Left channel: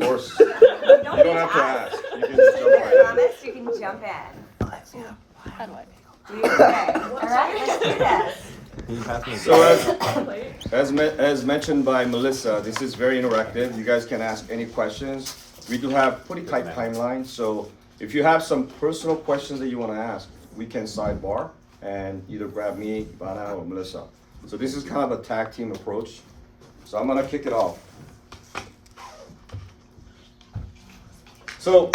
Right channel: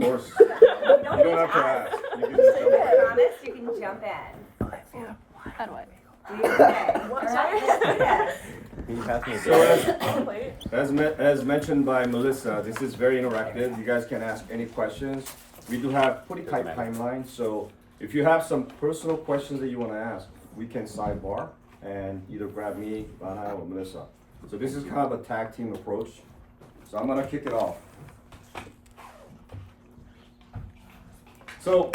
course. You don't have to ask. You can just jump I right in. promise you can jump in. Okay, all right, let's do this. Can you pass me a So as mentioned by Melissa, this is very interactive. You guys can ask any questions. We do have pretty tight timeline, so if you have some personal questions that you want to ask, we can sidebar and either grab me, Ivana, or Melissa. So this is kind of a tag team approach. So I'm gonna kick it off. So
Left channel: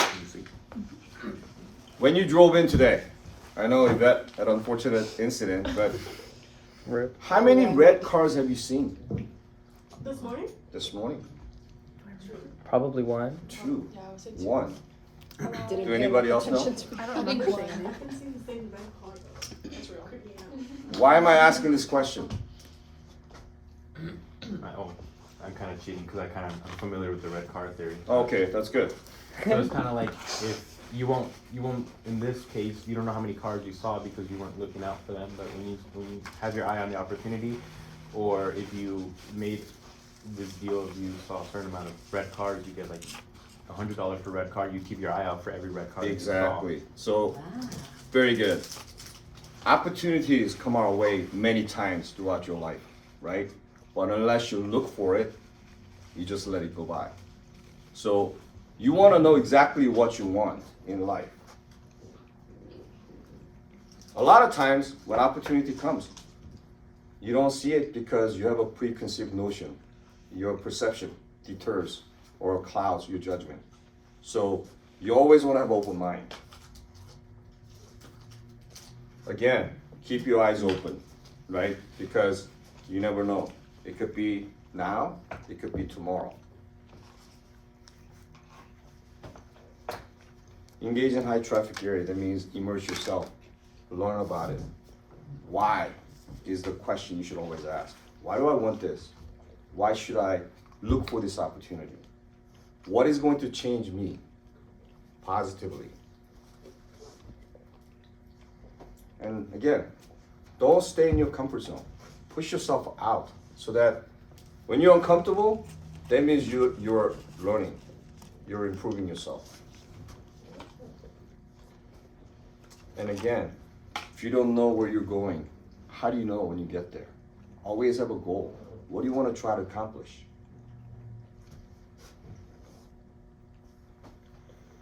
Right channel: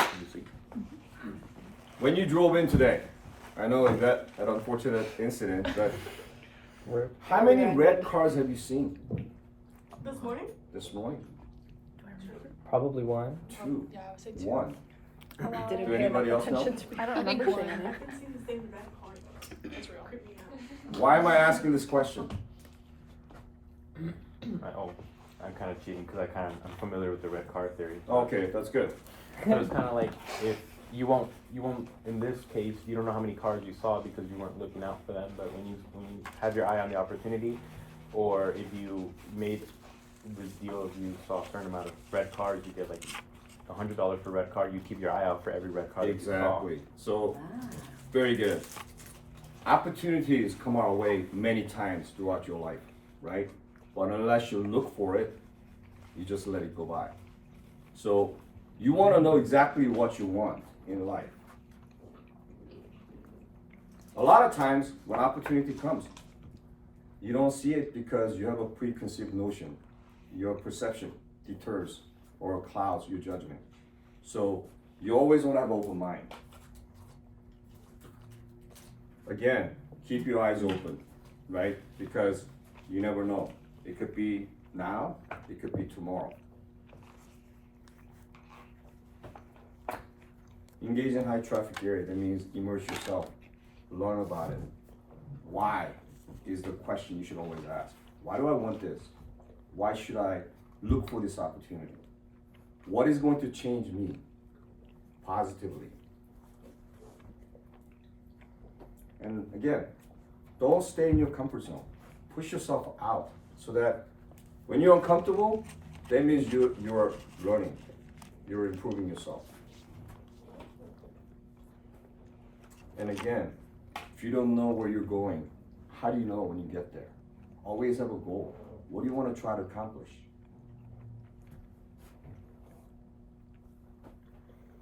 when you drove in today, I know that an unfortunate incident, but how many red cars have you seen This morning? this morning? Probably one. Two. Yeah, I would say One. Do anybody else know? I don't remember seeing any. I've been seeing the same red car though. It's real creepy out. Why am I asking this question? I'm kind of cheating because I'm familiar with the red car theory. Okay, that's good. So it's kind of like if you won't, in this case, you don't know how many cars you saw because you weren't looking out for them. But when you have your eye on the opportunity, or if you made this deal, if you saw a certain amount of red cars, you get like $100 per red car. You keep your eye out for every red car. Exactly. So, very good. Opportunities come our way many times throughout your life, right? But unless you look for it, you just let it go by. So, you want to know exactly what you want in life. A lot of times when opportunity comes, you don't see it because you have a preconceived notion. Your perception deters or clouds your judgment. So you always want to have an open mind. Again, keep your eyes open, right? Because you never know. It could be now, it could be tomorrow. Engage in high traffic area, that means immerse yourself, learn about it. Why is the question you should always ask. Why do I want this? Why should I look for this opportunity? What is going to change me positively? And again, don't stay in your comfort zone. Push yourself out so that when you're uncomfortable, that means you're learning, you're improving yourself. And again, if you don't know where you're going, how do you know when you get there? Always have a goal. What do you want to try to accomplish?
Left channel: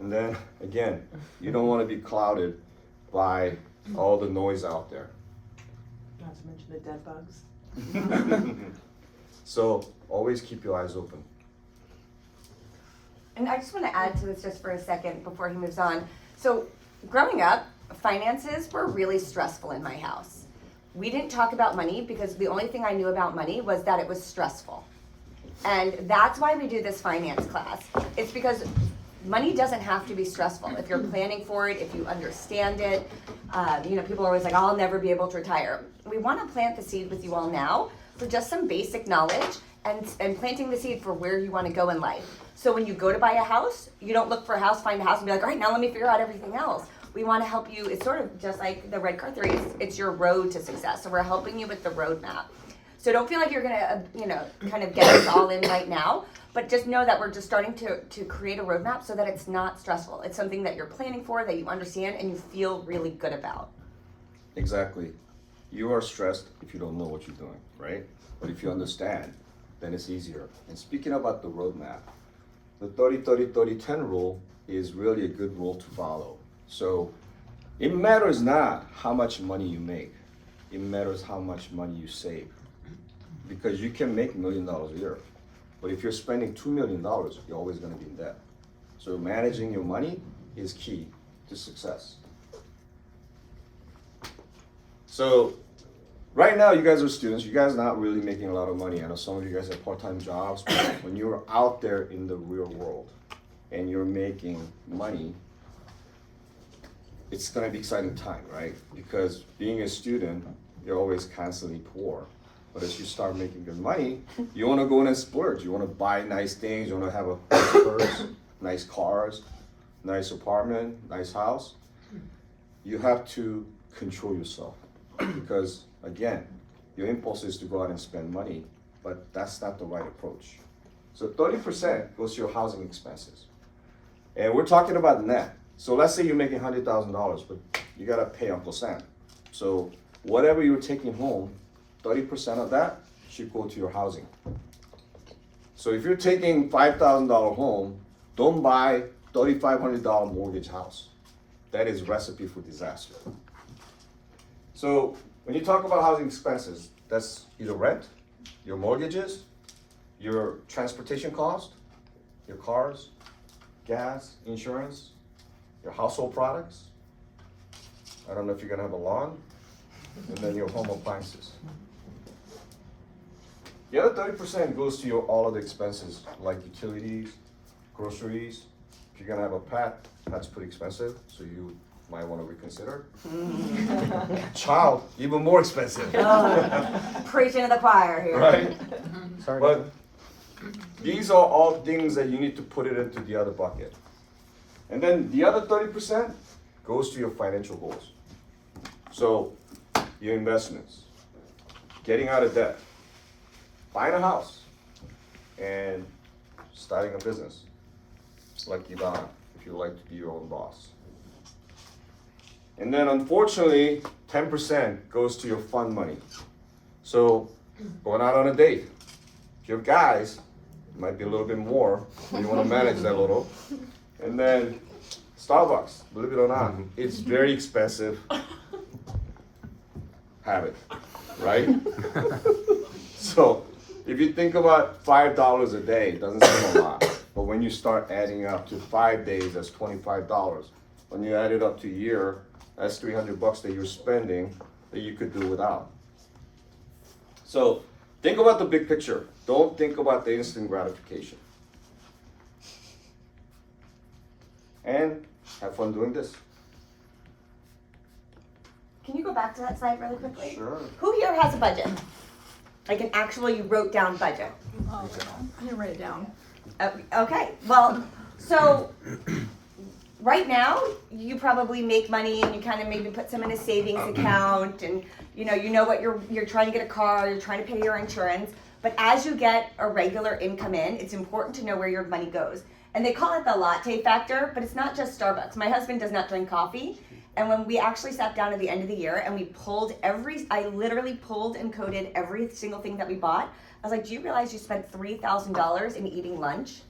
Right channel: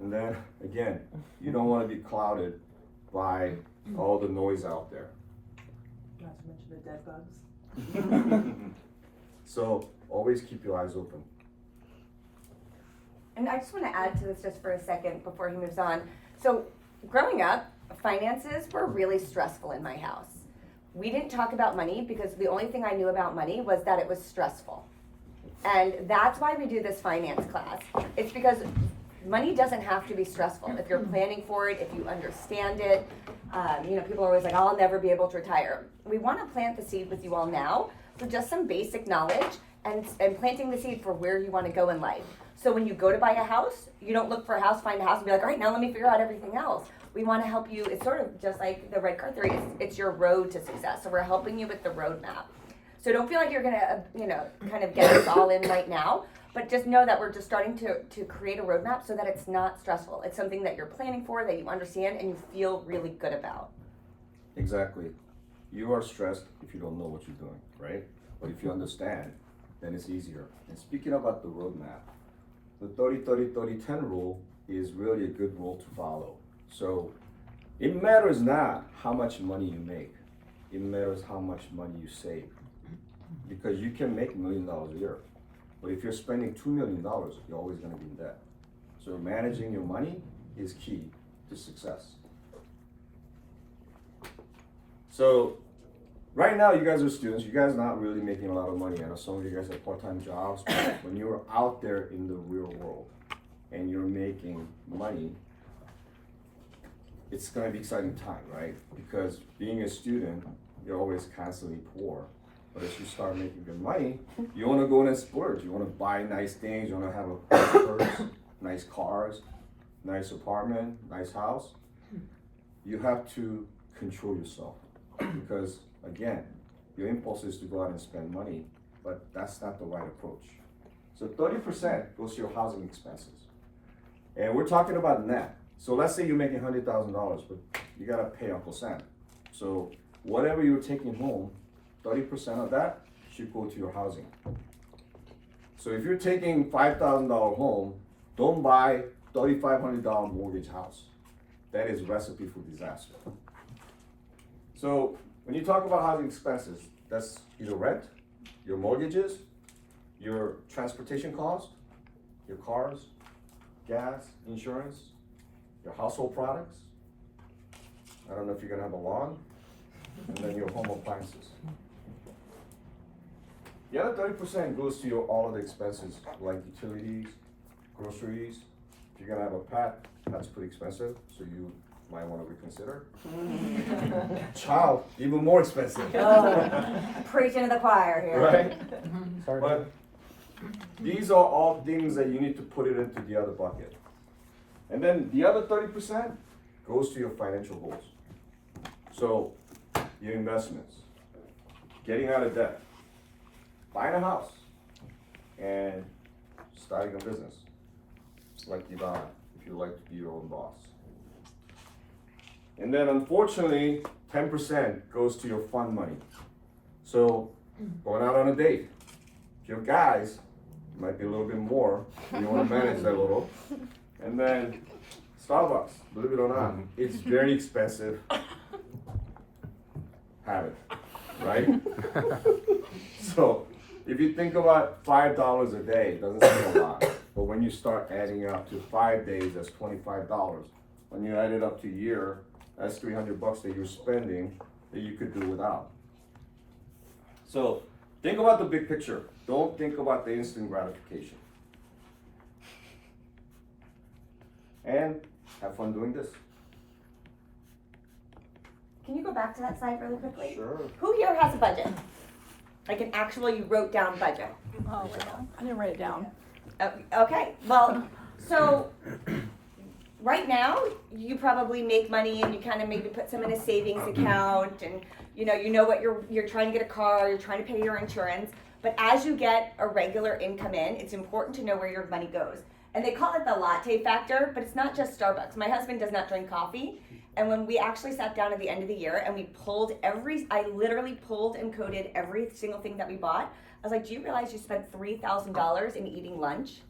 And then again, you don't want to be clouded by all the noise out there. Not to mention the dead bugs. So always keep your eyes open. And I just want to add to this just for a second before he moves on. So growing up, finances were really stressful in my house. We didn't talk about money because the only thing I knew about money was that it was stressful. And that's why we do this finance class. It's because money doesn't have to be stressful. If you're planning for it, if you understand it, people are always like, I'll never be able to retire. We want to plant the seed with you all now for just some basic knowledge and planting the seed for where you want to go in life. So when you go to buy a house, you don't look for a house, find a house, and be like, all right, now let me figure out everything else. We want to help you. It's sort of just like the red car theory. It's your road to success. So we're helping you with the roadmap. So don't feel like you're gonna, kind of get us all in right now. But just know that we're just starting to create a roadmap so that it's not stressful. It's something that you're planning for, that you understand, and you feel really good about. Exactly. You are stressed if you don't know what you're doing, right? But if you understand, then it's easier. And speaking about the roadmap, the 30-30-30-10 rule is really a good rule to follow. So it matters not how much money you make. It matters how much money you save. Because you can make $1 million a year. But if you're spending $2 million, you're always going to be in debt. So managing your money is key to success. So right now, you guys are students. You guys are not really making a lot of money. I know some of you guys have part-time jobs. But when you're out there in the real world and you're making money, it's going to be exciting time, right? Because being a student, you're always constantly poor. But as you start making good money, you want to go in and splurge. You want to buy nice things. You want to have a nice purse, nice cars, nice apartment, nice house. You have to control yourself because, again, your impulse is to go out and spend money, but that's not the right approach. So 30% goes to your housing expenses. And we're talking about net. So let's say you're making $100,000, but you gotta pay Uncle Sam. So whatever you're taking home, 30% of that should go to your housing. So if you're taking $5,000 home, don't buy $3,500 mortgage house. That is recipe for disaster. So when you talk about housing expenses, that's either rent, your mortgages, your transportation cost, your cars, gas, insurance, your household products. I don't know if you're gonna have a lawn, and then your home appliances. The other 30% goes to all of the expenses like utilities, groceries. If you're gonna have a pet, that's pretty expensive, so you might wanna reconsider. Child, even more expensive. Preaching to the choir here. Right? But these are all things that you need to put it into the other bucket. And then the other 30% goes to your financial goals. So your investments, getting out of debt, buying a house, and starting a business, like Ivana, if you like to be your own boss. And then unfortunately, 10% goes to your fund money. So going out on a date, if you have guys, it might be a little bit more, you wanna manage that a little. And then Starbucks, believe it or not, it's very expensive habit, right? So if you think about $5 a day, it doesn't seem a lot. But when you start adding up to 5 days, that's $25. When you add it up to a year, that's $300 that you're spending that you could do without. So think about the big picture. Don't think about the instant gratification. And have fun doing this. Can you go back to that slide really quickly? Sure. Who here has a budget? Like an actual, you wrote down budget? I didn't write it down. Okay, well, so right now, you probably make money and you kind of maybe put some in a savings account and you know what you're trying to get a car, you're trying to pay your insurance. But as you get a regular income in, it's important to know where your money goes. And they call it the latte factor, but it's not just Starbucks. My husband does not drink coffee. And when we actually sat down at the end of the year and we I literally pulled and coded every single thing that we bought. I was like, do you realize you spent $3,000 in eating lunch?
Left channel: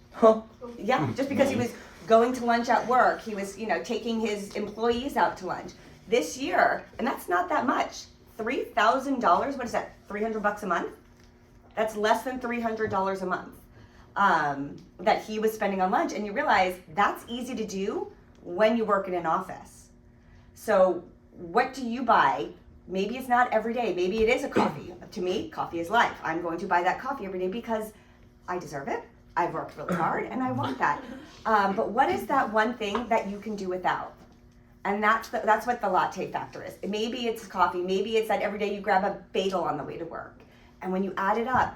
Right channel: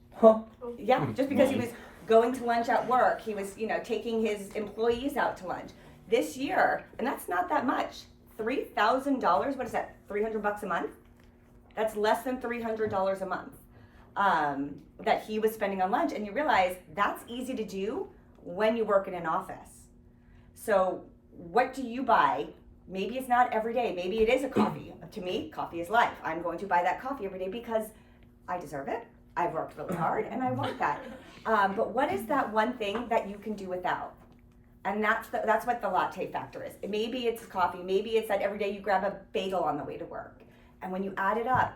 Yeah, just because he was going to lunch at work. He was, taking his employees out to lunch. This year, and that's not that much, $3,000, what is that, $300 a month? That's less than $300 a month that he was spending on lunch. And you realize that's easy to do when you work in an office. So what do you buy? Maybe it's not every day. Maybe it is a coffee. To me, coffee is life. I'm going to buy that coffee every day because I deserve it. I've worked really hard and I want that. But what is that one thing that you can do without? And that's what the latte factor is. Maybe it's coffee. Maybe it's that every day you grab a bagel on the way to work. And when you add it up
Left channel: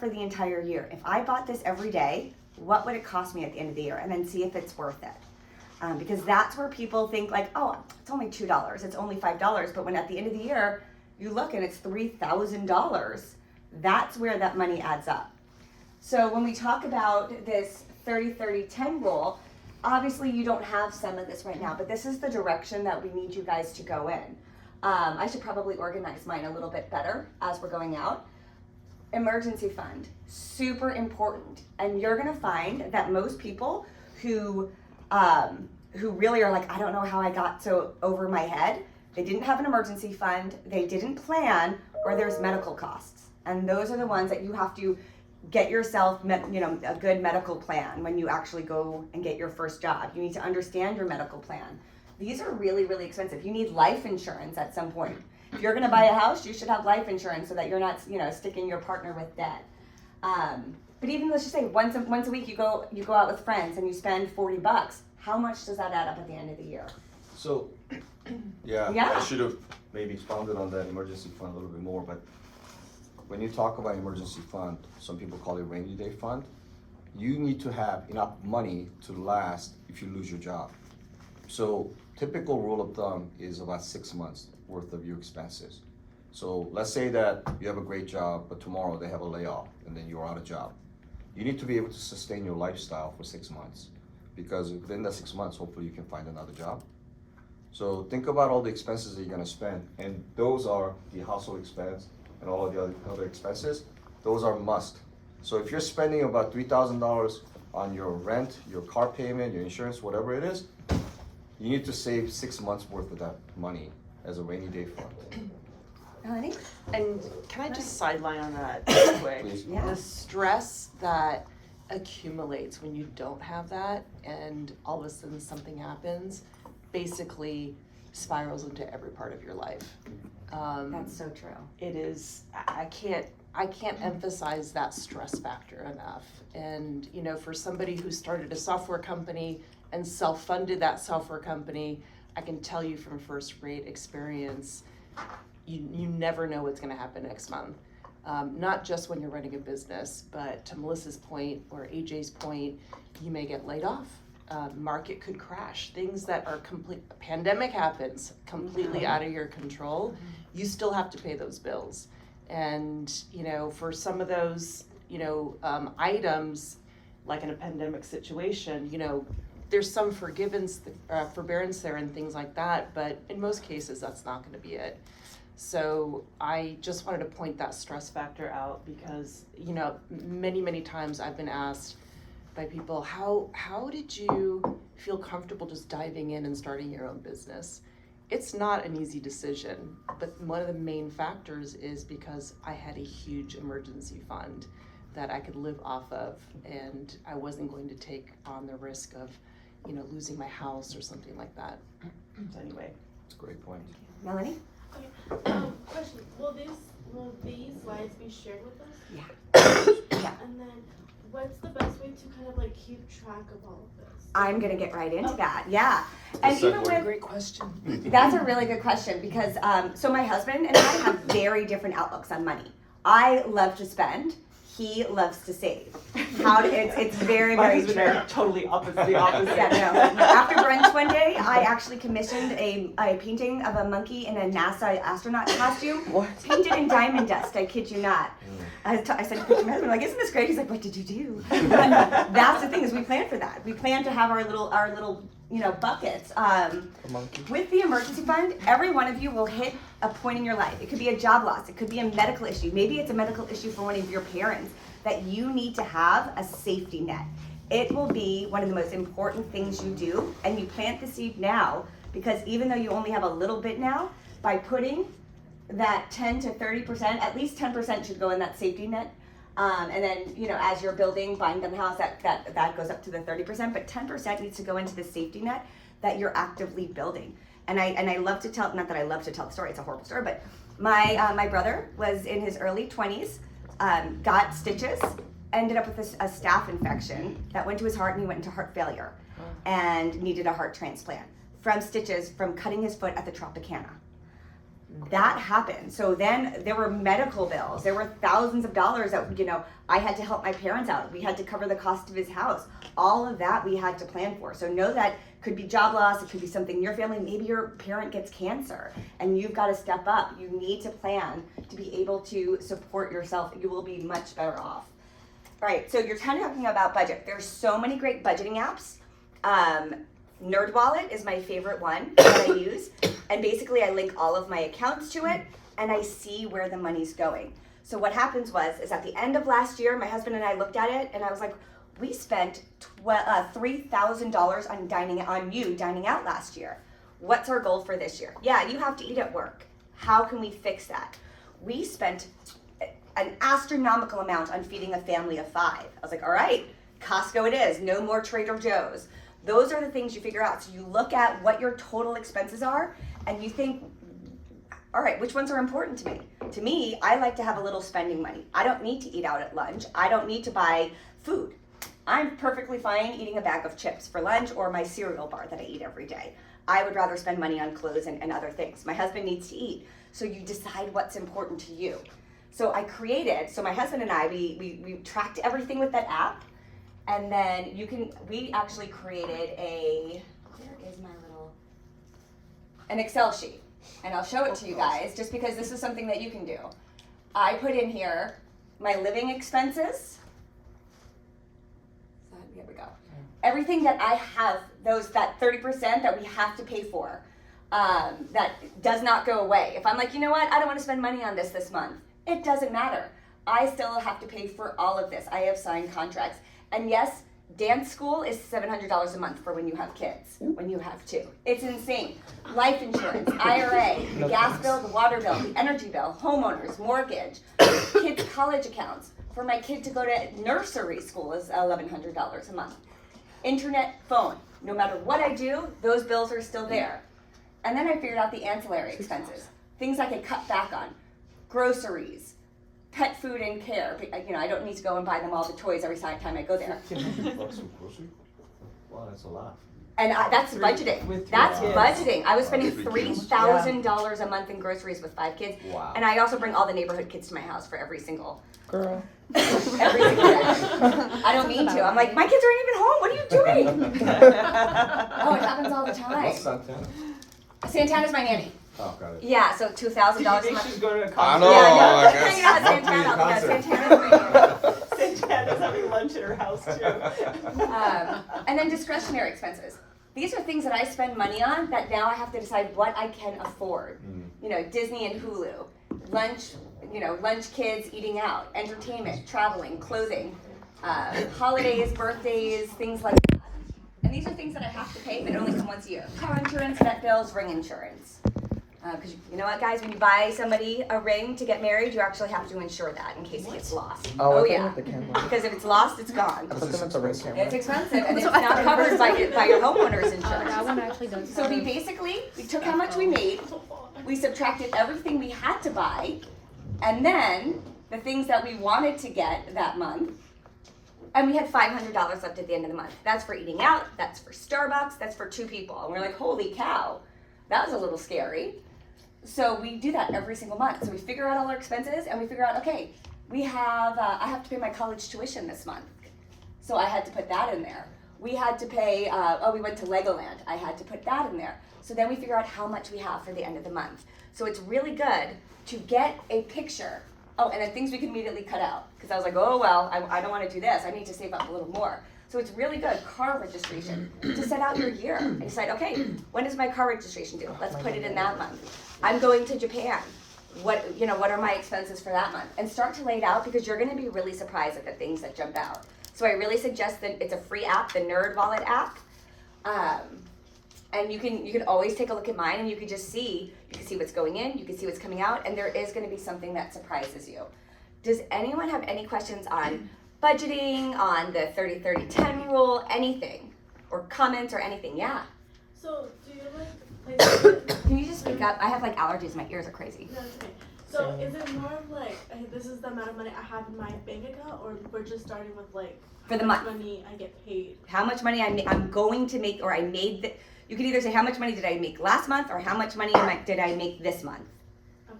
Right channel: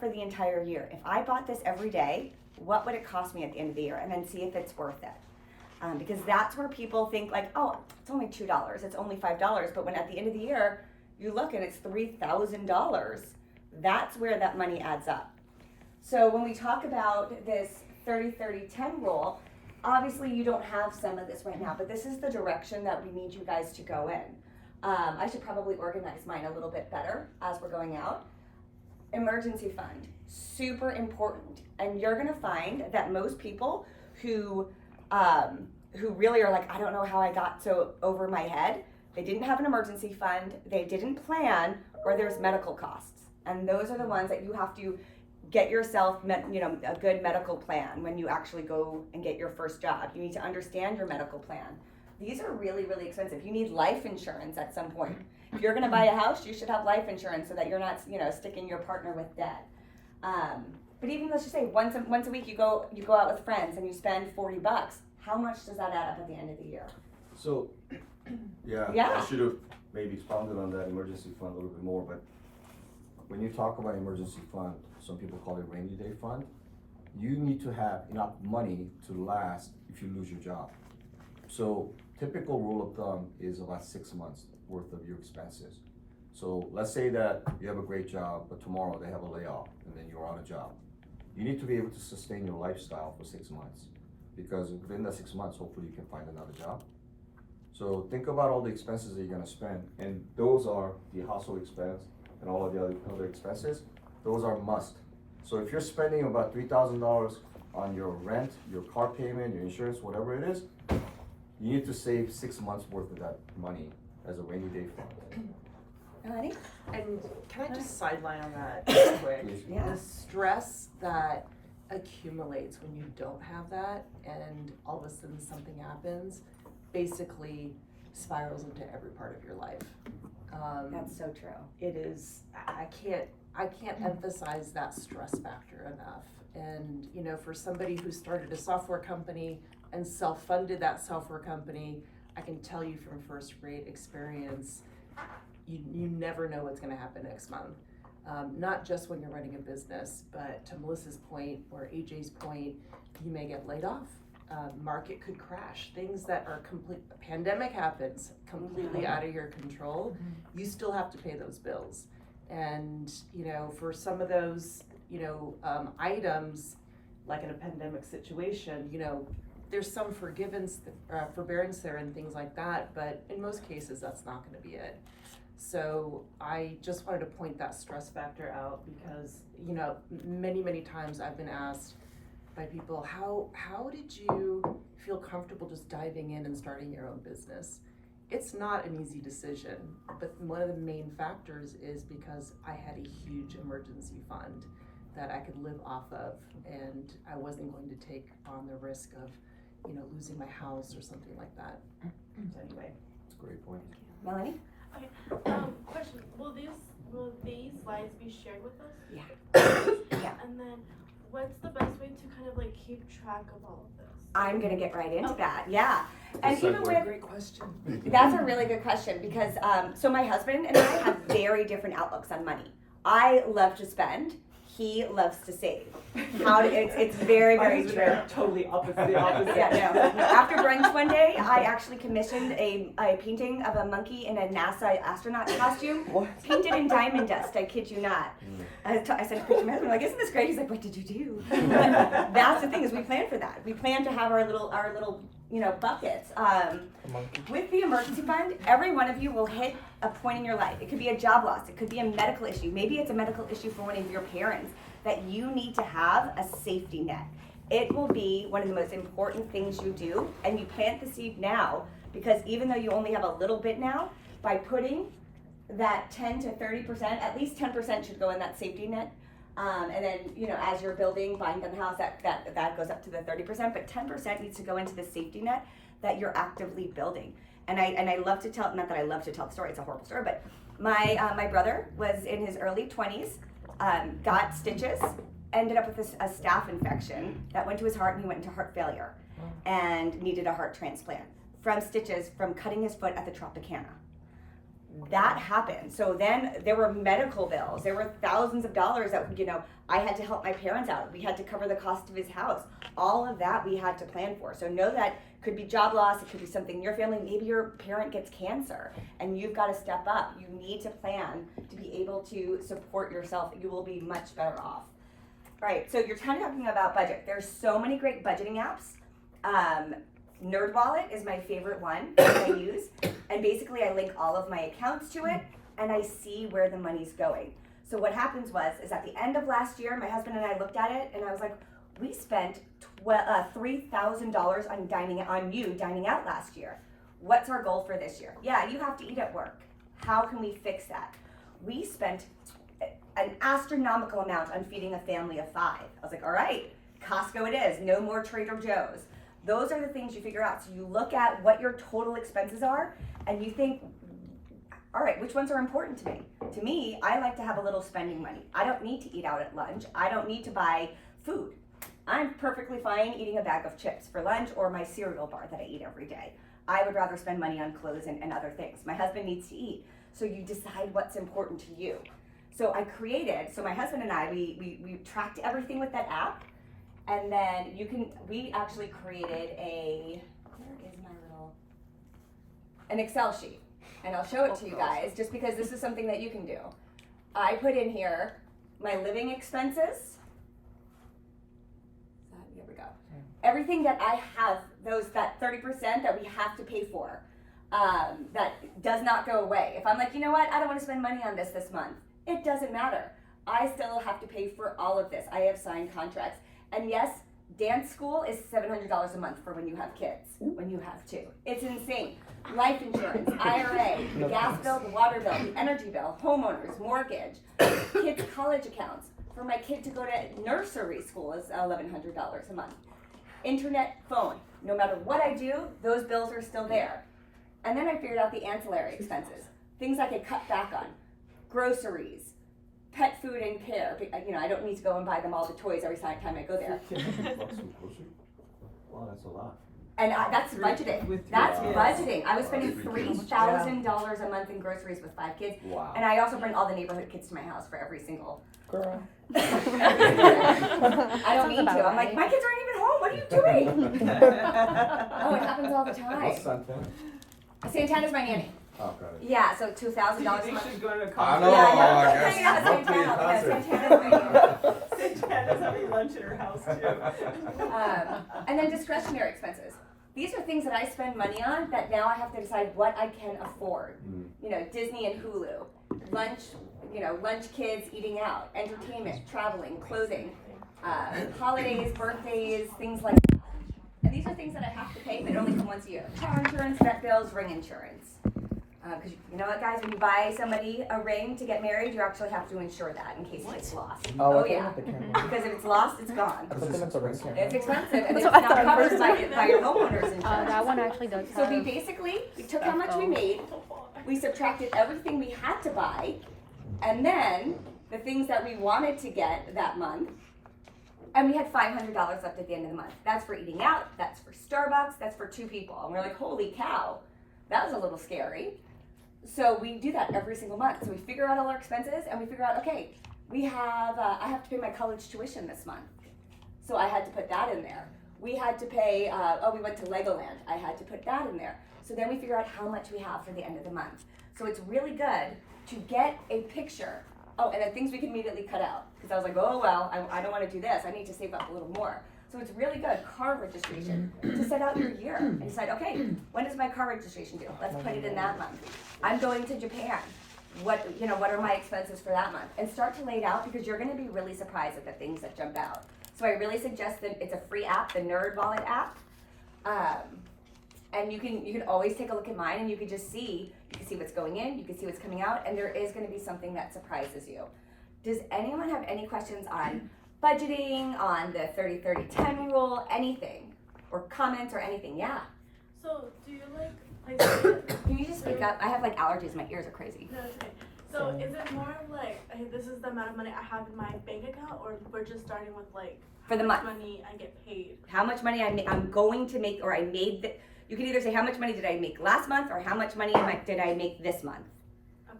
for the entire year. If I bought this every day, what would it cost me at the end of the year? And then see if it's worth it. Because that's where people think like, oh, it's only $2, it's only $5. But when at the end of the year, you look and it's $3,000, that's where that money adds up. So when we talk about this 30-30-10 rule, obviously you don't have some of this right now, but this is the direction that we need you guys to go in. I should probably organize mine a little bit better as we're going out. Emergency fund, super important. And you're gonna find that most people who really are like, I don't know how I got so over my head. They didn't have an emergency fund, they didn't plan, or there's medical costs. And those are the ones that you have to get yourself, a good medical plan when you actually go and get your first job. You need to understand your medical plan. These are really, really expensive. You need life insurance at some point. If you're gonna buy a house, you should have life insurance so that you're not, sticking your partner with debt. But even let's just say once a week you go out with friends and you spend $40. How much does that add up at the end of the year? So, yeah. I should have maybe expounded on that emergency fund a little bit more, but when you talk about emergency fund, some people call it rainy day fund, you need to have enough money to last if you lose your job. So typical rule of thumb is about 6 months worth of your expenses. So let's say that you have a great job, but tomorrow they have a layoff and then you're out of job. you need to be able to sustain your lifestyle for 6 months, because within that 6 months, hopefully you can find another job. So think about all the expenses that you're gonna spend, and those are the household expense and all of the other expenses. Those are must. So if you're spending about $3,000 on your rent, your car payment, your insurance, whatever it is, you need to save 6 months worth of that money as a rainy day fund. Melanie? And can I just sideline on that real quick? Please. Yeah. The stress that accumulates when you don't have that and all of a sudden something happens basically spirals into every part of your life. That's so true. It is, I can't emphasize that stress factor enough. And, you know, for somebody who started a software company and self-funded that software company, I can tell you from first rate experience, you never know what's gonna happen next month. Not just when you're running a business, but to Melissa's point or AJ's point, you may get laid off. Market could crash. Things that are pandemic happens, completely out of your control. You still have to pay those bills. And, you know, for some of those, you know, items, like in a pandemic situation, you know, there's some forbearance there and things like that, but in most cases, that's not gonna be it. So I just wanted to point that stress factor out because, you know, many times I've been asked by people, how did you feel comfortable just diving in and starting your own business? It's not an easy decision, but one of the main factors is because I had a huge emergency fund that I could live off of, and I wasn't going to take on the risk of, you know, losing my house or something like that. So anyway. That's a great point. Melanie? Question, will these slides be shared with us? Yeah. Yeah. And then, what's the best way to kind of like keep track of all of this? I'm gonna get right into that, yeah. And even with, Great question. that's a really good question because, so my husband and I have very different outlooks on money. I love to spend, he loves to save. It's very, very true. Totally opposite. Yeah, no. After brunch one day, I actually commissioned a painting of a monkey in a NASA astronaut costume, painted in diamond dust, I kid you not. I sent a picture to my husband, like, isn't this great? He's like, what did you do? But that's the thing, is we plan for that. We plan to have our little, you know, buckets. With the emergency fund, every one of you will hit a point in your life. It could be a job loss, it could be a medical issue. Maybe it's a medical issue for one of your parents that you need to have a safety net. It will be one of the most important things you do, and you plant the seed now, because even though you only have a little bit now, by putting that 10 to 30%, at least 10% should go in that safety net. And then, you know, as you're buying the house, that goes up to the 30%, but 10% needs to go into the safety net that you're actively building. And I love to tell, not that I love to tell the story, it's a horrible story, but my brother was in his early 20s, got stitches, ended up with a staph infection that went to his heart, and he went into heart failure and needed a heart transplant from stitches from cutting his foot at the Tropicana. That happened. So then there were medical bills. There were thousands of dollars that, you know, I had to help my parents out. We had to cover the cost of his house. All of that we had to plan for. So know that could be job loss. It could be something in your family. Maybe your parent gets cancer and you've got to step up. You need to plan to be able to support yourself. You will be much better off. All right. So you're kind of talking about budget. There's so many great budgeting apps. NerdWallet is my favorite one that I use, and basically I link all of my accounts to it and I see where the money's going. So what happens is at the end of last year, my husband and I looked at it and I was like, we spent $3,000 on dining out last year. What's our goal for this year? Yeah, you have to eat at work. How can we fix that? We spent an astronomical amount on feeding a family of 5. I was like, all right, Costco it is, no more Trader Joe's. Those are the things you figure out. So you look at what your total expenses are and you think, all right, which ones are important to me? To me, I like to have a little spending money. I don't need to eat out at lunch. I don't need to buy food. I'm perfectly fine eating a bag of chips for lunch or my cereal bar that I eat every day. I would rather spend money on clothes and other things. My husband needs to eat. So you decide what's important to you. So my husband and I, we tracked everything with that app. And then we actually created an Excel sheet. And I'll show it to you guys just because this is something that you can do. I put in here my living expenses, go. Everything that I have, that 30% that we have to pay for, that does not go away. If I'm like, you know what, I don't want to spend money on this month, it doesn't matter. I still have to pay for all of this. I have signed contracts. And yes, dance school is $700 a month for when you have kids, when you have two. It's insane. Life insurance, IRA, the gas bill, the water bill, the energy bill, homeowners, mortgage, kids' college accounts. For my kid to go to nursery school is $1,100 a month. Internet, phone. No matter what I do, those bills are still there. And then I figured out the ancillary expenses, things I could cut back on, groceries, pet food and care. You know, I don't need to go and buy them all the toys every time I go there. Wow, that's a lot. And that's budgeting. That's budgeting. I was spending $3,000 a month in groceries with 5 kids. Wow. And I also bring all the neighborhood kids to my house for every single Girl. every single day. I don't mean to. I'm like, my kids aren't even home. What are you doing? Oh, it happens all the time. What's Santana? Santana's my nanny. Oh, got it. Yeah, so $2,000 a She's month. going to a I concert. know. Yeah, I guess. hanging out at Monthly Santana. Yeah, concert. Santana's my nanny. Santana's having lunch at her house too. And then discretionary expenses. These are things that I spend money on that now I have to decide what I can afford. You know, Disney and Hulu, lunch kids eating out, entertainment, traveling, clothing, holidays, birthdays, things like that. And these are things that I have to pay, but only come once a year. Car insurance, vet bills, ring insurance. Because you know what, guys, when you buy somebody a ring to get married, you actually have to insure that in case it gets lost. Oh yeah, because if it's lost, it's gone. Because it's expensive. It's expensive, and it's not covered by your homeowner's insurance. So we took how much we made, we subtracted everything we had to buy, and then the things that we wanted to get that month, and we had $500 left at the end of the month. That's for eating out, that's for Starbucks, that's for 2 people. And we're like, holy cow, that was a little scary. So we do that every single month. So we figure out all our expenses and we figure out, okay, I have to pay my college tuition this month. So I had to put that in there. We had to pay, we went to Legoland. I had to put that in there. So then we figure out how much we have for the end of the month. So it's really good to get a picture. Oh, and then things we can immediately cut out. Because I was like, oh, well, I don't want to do this. I need to save up a little more. So it's really good, car registration, to set out your year and decide, okay, when is my car registration due? Let's put it in that month. I'm going to Japan. What are my expenses for that month? And start to lay it out because you're going to be really surprised at the things that jump out. So I really suggest that it's a free app, the Nerd Wallet app. And you can always take a look at mine and you can just see, what's going in, you can see what's coming out, and there is going to be something that surprises you. Does anyone have any questions on budgeting, on the 30-30-10 rule, anything, or comments or anything? Yeah. So do you like Can you just speak up? I have like allergies. My ears are crazy. no, it's okay. So is it more of like, hey, this is the amount of money I have in my bank account, or we're just starting with like For the how much month. money I get paid? How much money I'm going to make, or I made. You can either say how much money did I make last month, or how much money did I make this month,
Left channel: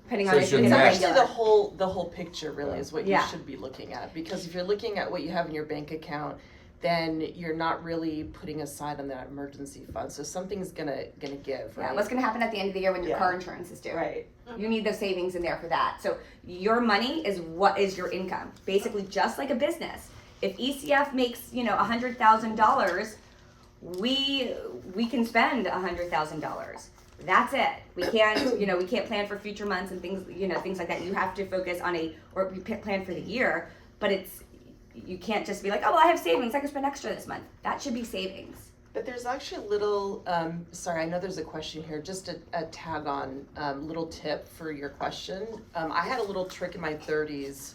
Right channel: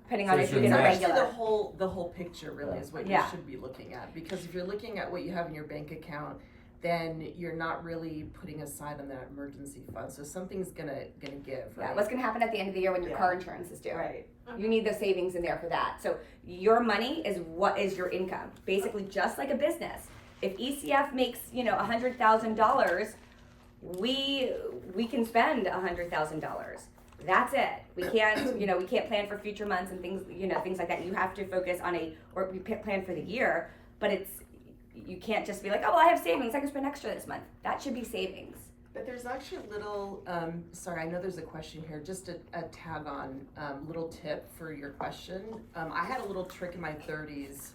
depending So on it's if you your get a net. Actually, regular. the whole picture really is what you Yeah. should be looking at, because if you're looking at what you have in your bank account, then you're not really putting aside on that emergency fund. So something's gonna give, Yeah, right? what's going to happen at the end of the year when your Yeah. car insurance is due? Right. You need those savings in there for that. So your money is what is your income. Basically, just like a business. If ECF makes $100,000, we can spend $100,000. That's it. We can't plan for future months and things like that. You have to focus on we plan for the year, but you can't just be like, oh well, I have savings, I can spend extra this month. That should be savings. But there's actually a little, sorry, I know there's a question here, just a tag on, little tip for your question. I had a little trick in my 30s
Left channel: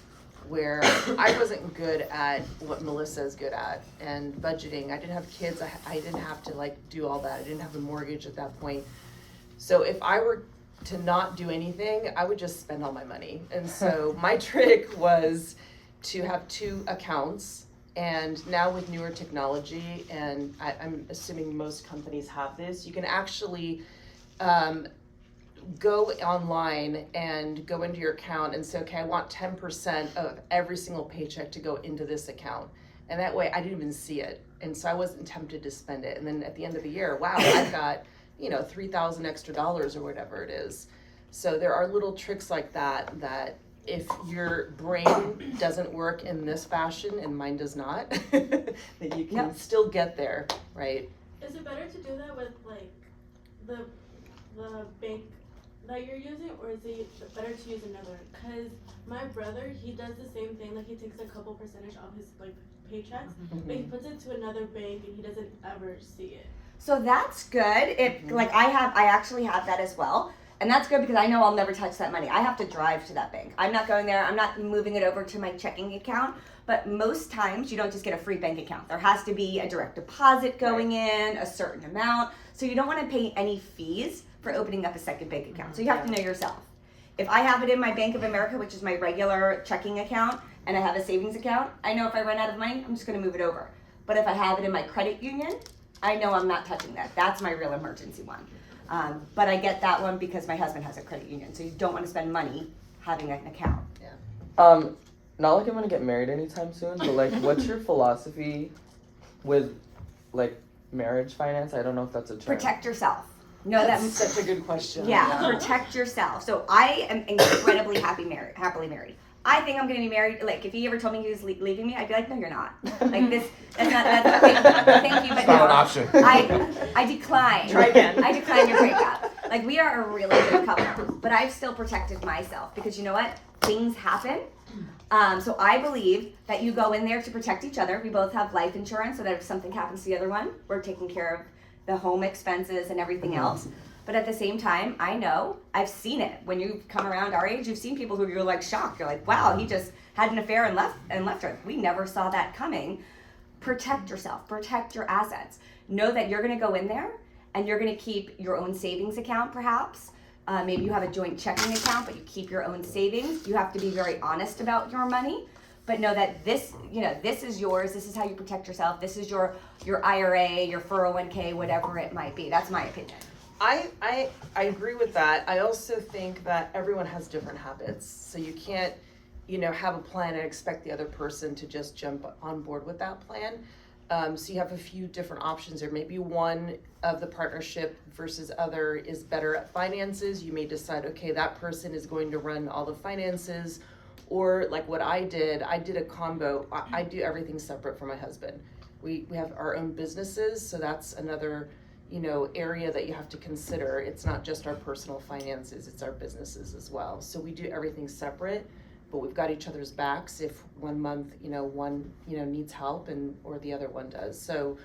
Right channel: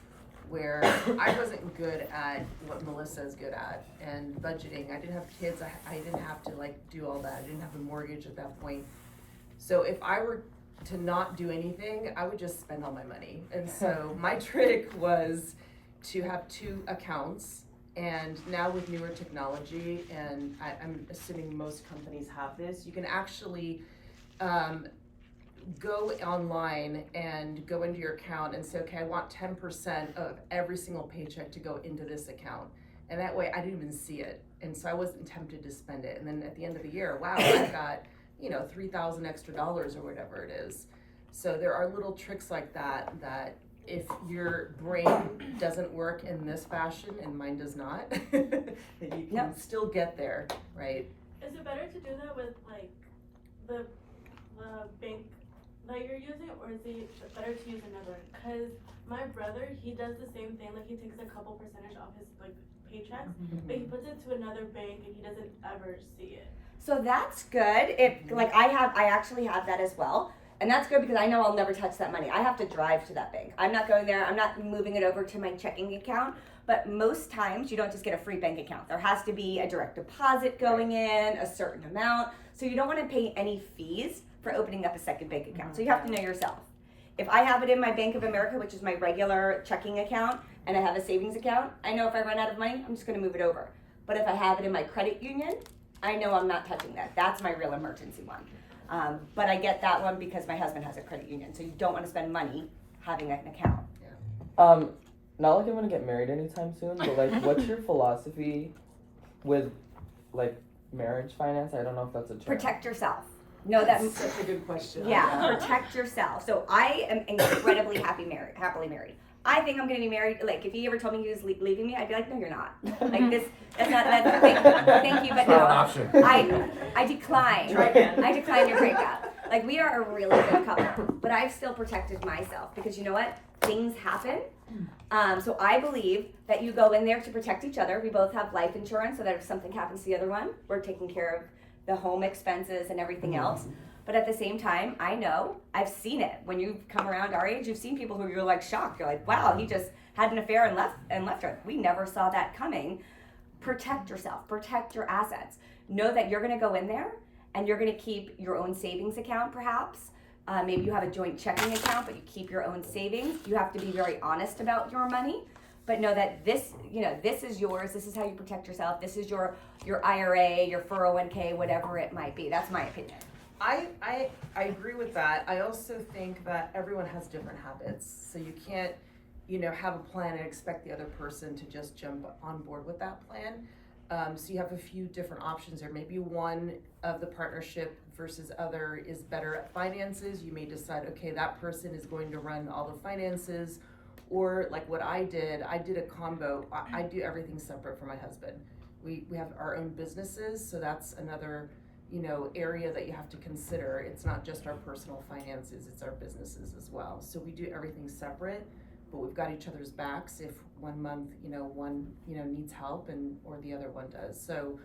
where I wasn't good at what Melissa is good at, and budgeting. I didn't have kids, I didn't have to like do all that. I didn't have a mortgage at that point. So if I were to not do anything, I would just spend all my money. And so my trick was to have 2 accounts. And now with newer technology, and I'm assuming most companies have this, you can actually go online and go into your account and say, okay, I want 10% of every single paycheck to go into this account. And that way I didn't even see it. And so I wasn't tempted to spend it. And then at the end of the year, wow, I got, $3,000 extra dollars or whatever it is. So there are little tricks like that if your brain doesn't work in this fashion and mine does not, that you can No. still get there, right? Is it better to do that with like the bank that you're using, or is it better to use another? Cause my brother, he does the same thing. Like he takes a couple percentage off his like paychecks, but he puts it to another bank and he doesn't ever see it. So that's good. If like I actually have that as well. And that's good because I know I'll never touch that money. I have to drive to that bank. I'm not going there. I'm not moving it over to my checking account. But most times you don't just get a free bank account. There has to be a direct deposit going in, a certain amount. So you don't want to pay any fees for opening up a second bank account. So you have to know yourself. If I have it in my Bank of America, which is my regular checking account, and I have a savings account, I know if I run out of money, I'm just going to move it over. But if I have it in my credit union, I know I'm not touching that. That's my real emergency one. But I get that one because my husband has a credit union. So you don't want to spend money having an account. Not like I'm gonna get married anytime soon, but like, what's your philosophy with like marriage finance? I don't know if that's a term. Protect yourself. Know that. That's such a good question. Yeah, protect yourself. So I am incredibly happily married. I think I'm gonna be married. Like, if he ever told me he was leaving me, I'd be like, no, you're not. Like this, that's not. Thank you, but It's not an no. option. I decline. Try again. I decline your breakup. Like, we are a really good couple, but I've still protected myself because you know what? Things happen. So I believe that you go in there to protect each other. We both have life insurance so that if something happens to the other one, we're taking care of the home expenses and everything else. But at the same time, I know, I've seen it. When you've come around our age, you've seen people who you're like shocked. You're like, wow, he just had an affair and left her. We never saw that coming. Protect yourself, protect your assets. Know that you're gonna go in there and you're gonna keep your own savings account perhaps. Maybe you have a joint checking account, but you keep your own savings. You have to be very honest about your money, but know that this is yours. This is how you protect yourself. This is your IRA, your 401k, whatever it might be. That's my opinion. I agree with that. I also think that everyone has different habits. So you can't, have a plan and expect the other person to just jump on board with that plan. So you have a few different options there. Maybe one of the partnership versus other is better at finances. You may decide, okay, that person is going to run all the finances. Or like what I did a combo. I do everything separate from my husband. We have our own businesses, so that's another area that you have to consider. It's not just our personal finances, it's our businesses as well. So we do everything separate, but we've got each other's backs if one month, one, needs help or the other one does. So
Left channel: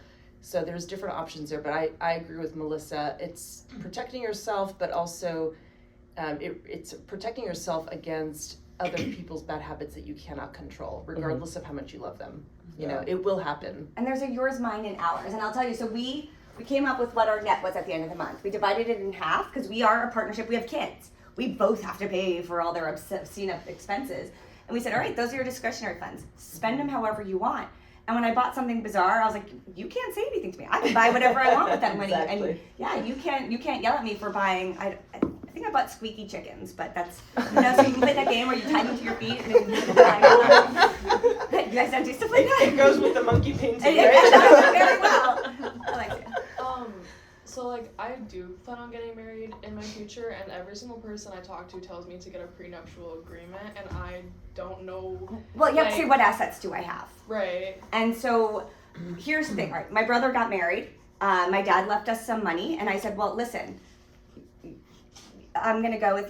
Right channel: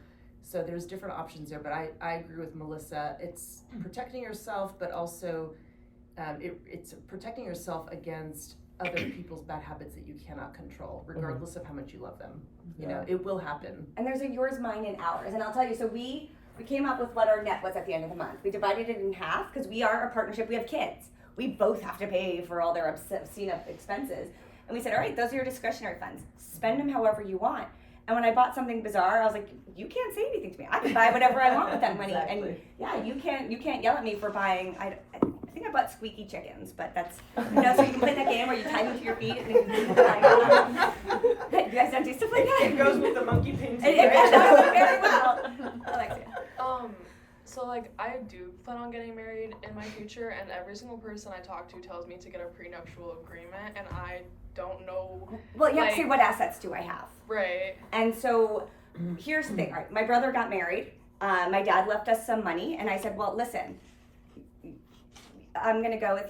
there's different options there, but I agree with Melissa. It's protecting yourself, but also it's protecting yourself against other people's bad habits that you cannot control, regardless of how much you love them. It will happen. And there's a yours, mine, and ours. And I'll tell you, so we came up with what our net was at the end of the month. We divided it in half because we are a partnership. We have kids. We both have to pay for all their obscene expenses. And we said, all right, those are your discretionary funds. Spend them however you want. And when I bought something bizarre, I was like, you can't say anything to me. I can buy whatever I want with that money. Exactly. And yeah, you can't yell at me for buying, I think I bought squeaky chickens, but that's, so you can play that game where you tie them to your feet and then you climb on them. You guys don't do stuff like that? It goes with the monkey painting. It does very well. Alexia. So like I do plan on getting married in my future, and every single person I talk to tells me to get a prenuptial agreement, and I don't know. Well, you have to say, what assets do I have? Right. And so here's the thing, right? My brother got married. My dad left us some money, and I said, well, listen, I'm gonna go with,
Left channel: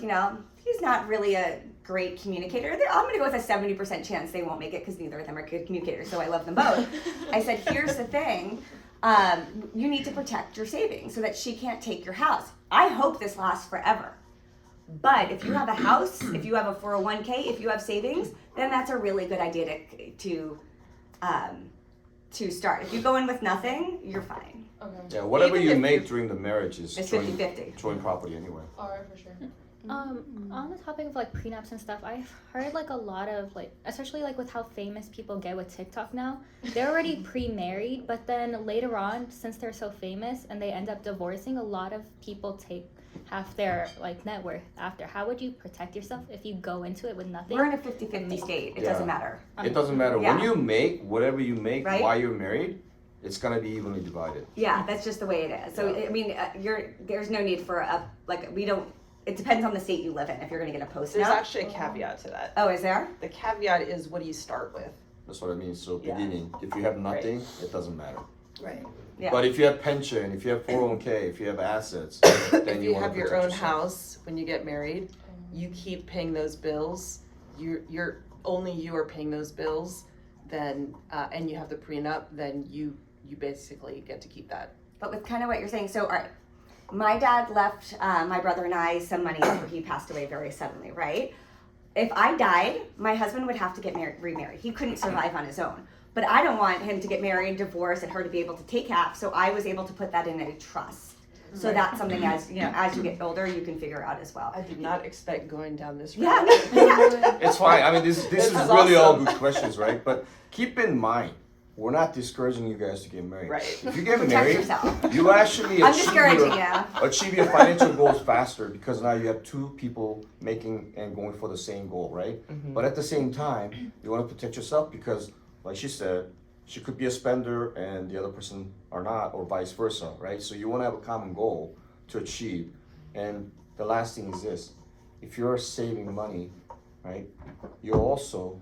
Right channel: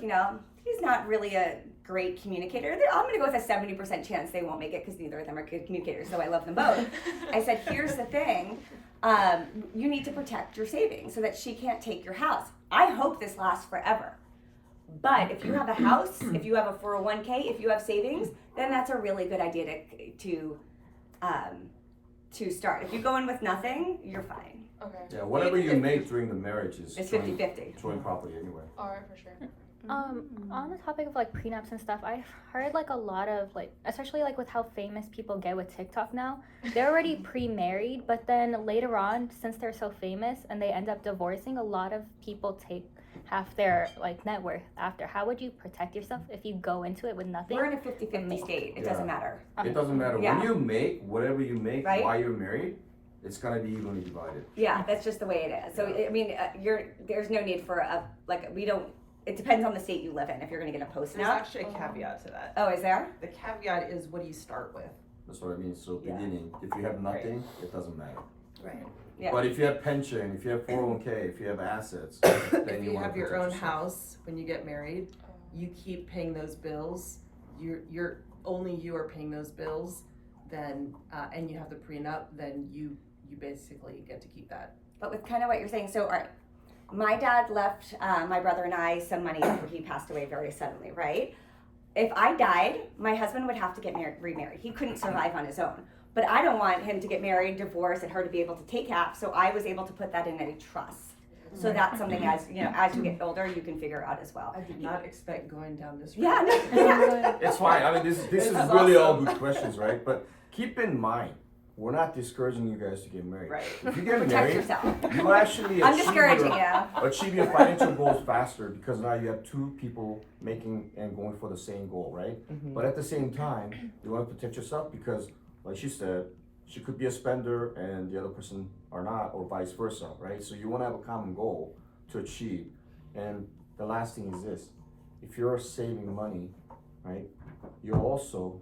he's not really a great communicator. I'm gonna go with a 70% chance they won't make it because neither of them are good communicators, so I love them both. I said, here's the thing. You need to protect your savings so that she can't take your house. I hope this lasts forever. But if you have a house, if you have a 401k, if you have savings, then that's a really good idea to start. If you go in with nothing, you're fine. Okay. Yeah, whatever Even you if make during the marriage is It's joint- 50-50. joint property anyway. All right, for sure. On the topic of like prenups and stuff, I've heard like a lot of like, especially like with how famous people get with TikTok now, they're already pre-married, but then later on, since they're so famous and they end up divorcing, a lot of people take half their like net worth after. How would you protect yourself if you go into it with nothing? We're in a 50-50 state. It Yeah. doesn't matter. It doesn't matter. Yeah. When you make whatever you make Right. while you're married, it's gonna be evenly divided. Yeah, that's just the way it is. So Yeah. I mean, there's no need for we don't. it depends on the state you live in if you're gonna get a post There's note. actually a caveat to that. Oh, is there? The caveat is what do you start with? That's what I mean. So Yeah. beginning, if you have nothing, it doesn't matter. Right. Yeah. But if you have pension, if you have 401k, if you have assets, then If you you want to have your protect own yourself. house when you get married, you keep paying those bills. You're only you are paying those bills. Then and you have the prenup. Then you basically get to keep that. But with kind of what you're saying, so all right, my dad left my brother and I some money after he passed away very suddenly, right? If I died, my husband would have to get remarried. He couldn't survive on his own. But I don't want him to get married, divorce, and her to be able to take half. So I was able to put that in a trust. So that's something as you get older, you can figure out as well. I did not expect going down this road. Yeah, no, yeah. It's fine. I mean, this is This is really all awesome. good questions, right? But keep in mind, we're not discouraging you guys to get married. Right. If you get Protect married, yourself. you actually I'm discouraging you. achieve your financial goals faster because now you have two people making and going for the same goal, right? Mhm. But at the same time, you want to protect yourself because, like she said, she could be a spender and the other person are not, or vice versa, right? So you want to have a common goal to achieve. And the last thing is this: if you're saving money, right, you're also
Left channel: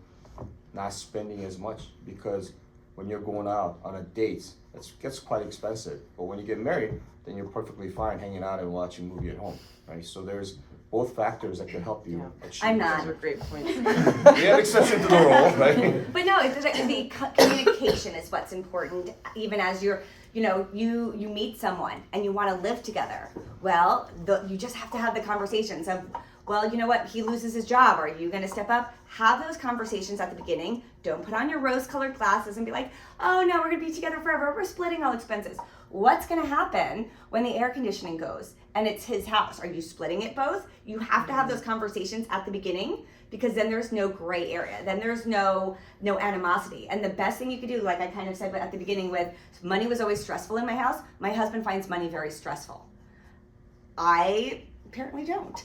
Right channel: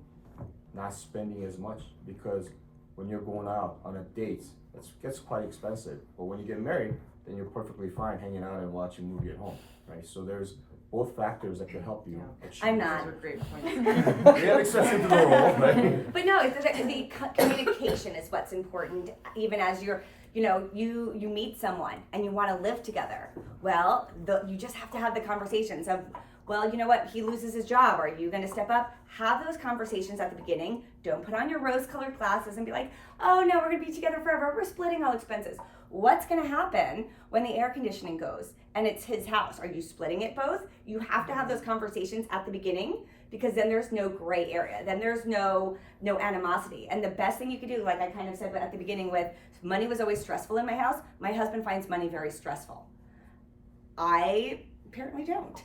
not spending as much because when you're going out on a date, it gets quite expensive. But when you get married, then you're perfectly fine hanging out and watching a movie at home, right? So there's both factors that can help you achieve. I'm Those not. are great points. We have exception to the rule, right? But no, the communication is what's important. Even as you meet someone and you want to live together. Well, you just have to have the conversations of, well, you know what? He loses his job. Are you going to step up? Have those conversations at the beginning. Don't put on your rose-colored glasses and be like, oh no, we're going to be together forever. We're splitting all expenses. What's going to happen when the air conditioning goes and it's his house? Are you splitting it both? You have to have those conversations at the beginning because then there's no gray area. Then there's no animosity. And the best thing you could do, like I kind of said at the beginning with money was always stressful in my house. My husband finds money very stressful. I apparently don't.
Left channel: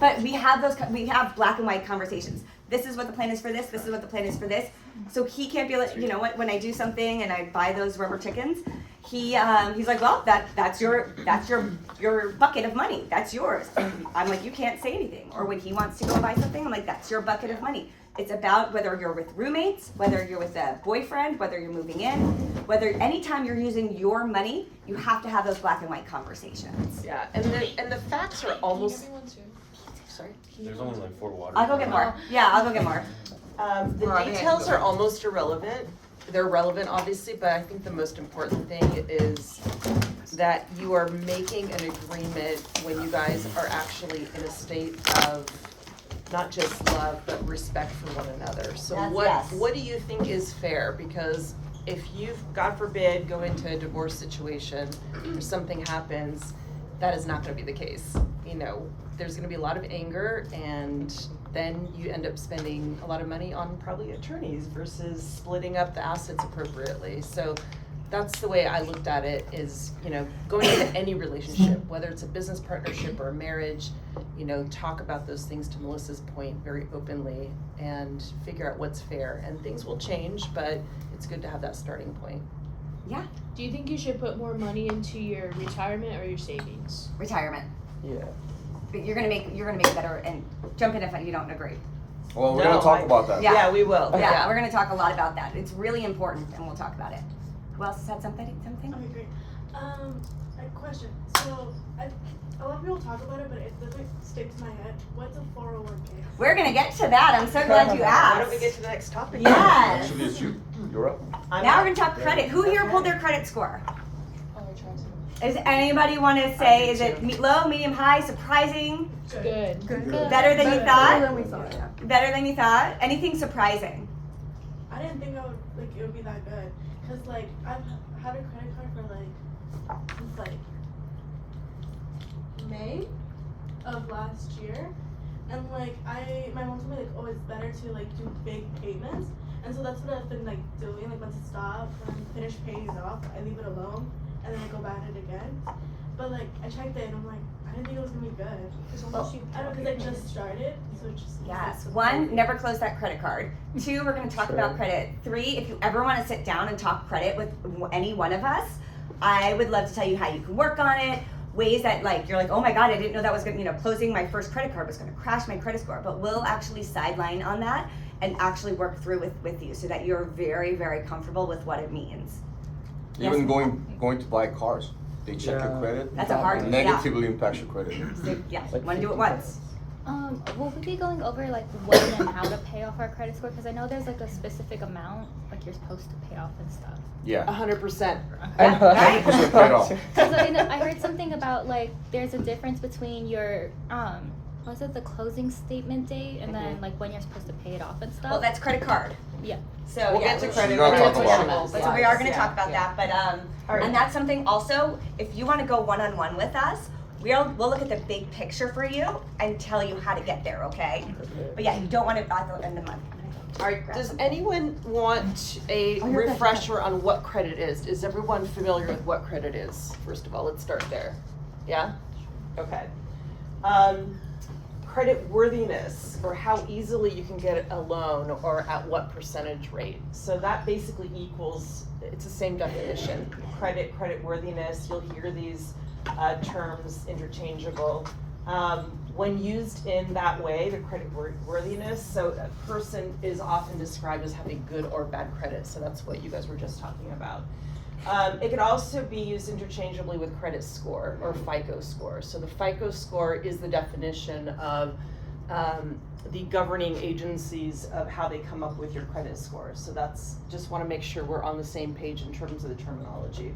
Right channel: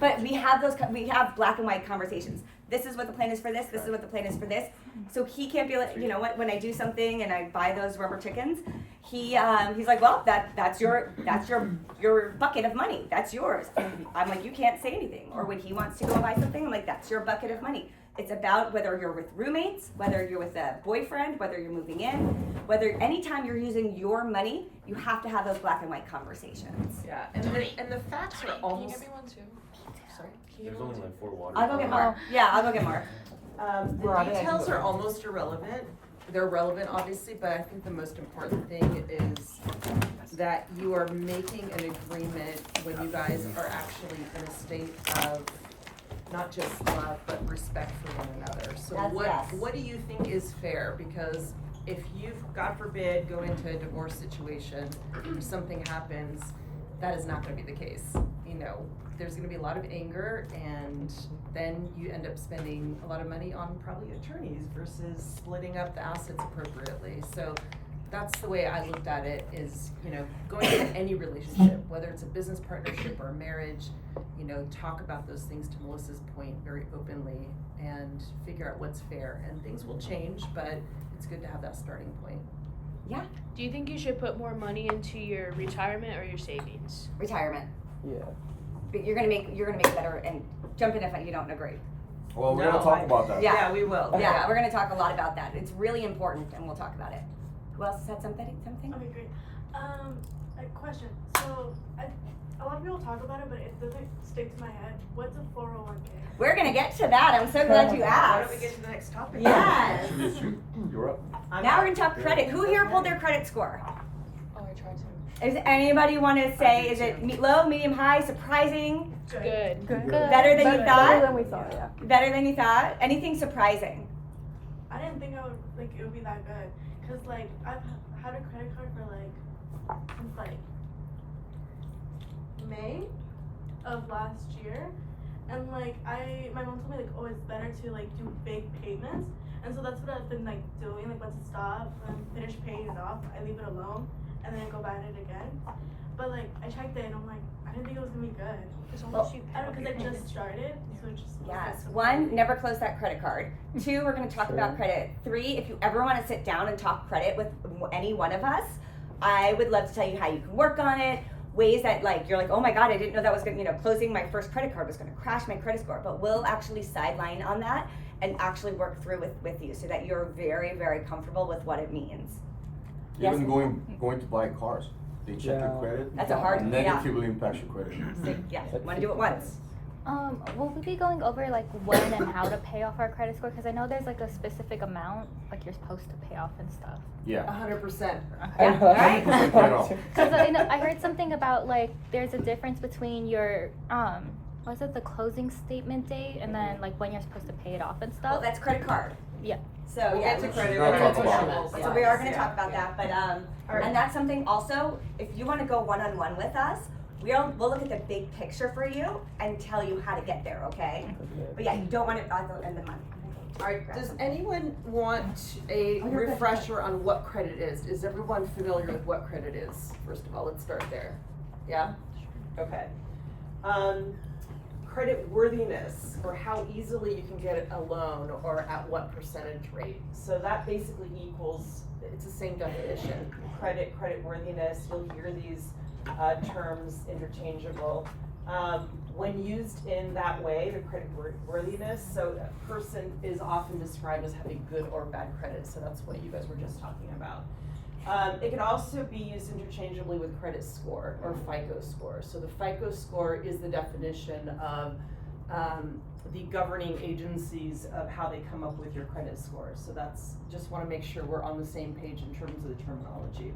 But we have black and white conversations. This is what the plan is for this. This is what the plan is for this. So he can't be like, you know what? When I do something and I buy those rubber chickens, he's like, well, that's your bucket of money. That's yours. I'm like, you can't say anything. Or when he wants to go and buy something, I'm like, that's your bucket of money. It's about whether you're with roommates, whether you're with a boyfriend, whether you're moving in, whether anytime you're using your money, you have to have those black and white conversations. Yeah, and the facts are almost. Can you give me one too? Sorry. There's only like 4 waters. I'll go get more. Yeah, I'll go get more. The details are almost irrelevant. They're relevant, obviously, but I think the most important thing is that you are making an agreement when you guys are actually in a state of not just love, but respect for one another. So what do you think is fair? Because if you, God forbid, go into a divorce situation or something happens, that is not going to be the case. You know, there's going to be a lot of anger, and then you end up spending a lot of money on probably attorneys versus splitting up the assets appropriately. So that's the way I looked at it, is, you know, going into any relationship, whether it's a business partnership or a marriage, you know, talk about those things, to Melissa's point, very openly, and figure out what's fair. And things will change, but it's good to have that starting point. Yeah, Do you think you should put more money into your retirement or your savings? retirement. Yeah. But you're gonna make better, and jump in if you don't agree. Well, we're No, gonna talk I- about that. Yeah. we will. Yeah, we're gonna talk a lot about that. It's really important, and we'll talk about it. Who else said something? Okay, great. A question. So, a lot of people talk about it, but it doesn't stick to my head. What's a 401k? We're gonna get to that. I'm so glad you Why asked. don't we get to the next topic? Yes. Actually, it's you. You're up. Now we're gonna talk credit. Who here pulled their credit score? Oh, I tried to. Is anybody want to say, is it low, medium, high, surprising, Good. better than you thought? than we thought, yeah. Better than you thought? Anything surprising? I didn't think it would be that good. Cause like I've had a credit card for since May of last year, and my mom told me oh, it's better to do big payments, and so that's what I've been doing. Once it stops and finish paying it off, I leave it alone, and then I go buy it again. But I checked it and I'm like, I didn't think it was gonna be good. Well, I don't know, because I just started, so it just Yes. 1, never close that credit card. 2, we're going to talk about credit. 3, if you ever want to sit down and talk credit with any one of us, I would love to tell you how you can work on it, ways that like you're like, oh my god, I didn't know that was gonna, you know, closing my first credit card was gonna crash my credit score. But we'll actually sideline on that and actually work through with you so that you're very, very comfortable with what it means. Yes? Even going to buy cars, they check your credit. That's a hard- It negatively impacts your credit. So, yeah, you wanna do it once. Will we be going over like when and how to pay off our credit score? Because I know there's like a specific amount like you're supposed to pay off and stuff. Yeah. 100%. Yeah, right? 100% paid off. Because I heard something about like there's a difference between your was it the closing statement date and then like when you're supposed to pay it off and stuff. Well, that's credit card. Yeah. So We'll yeah, get to She's credit gonna cards talk about in it. those so we are going to slides. talk about that, but Alright. and that's something also. If you want to go one-on-one with us, we'll look at the big picture for you and tell you how to get there. Okay? But yeah, you don't want to at the end of the month. Does anyone want a Oh, you're good. refresher on what credit is? Is everyone familiar with what credit is? First of all, let's start there. Yeah? Okay. Credit worthiness, or how easily you can get a loan, or at what percentage rate. So that basically equals, it's the same definition. Credit worthiness, you'll hear these terms interchangeable. When used in that way, the credit worthiness, so a person is often described as having good or bad credit, so that's what you guys were just talking about. It can also be used interchangeably with credit score or FICO score. So the FICO score is the definition of the governing agencies of how they come up with your credit score. So that's, just want to make sure we're on the same page in terms of the terminology.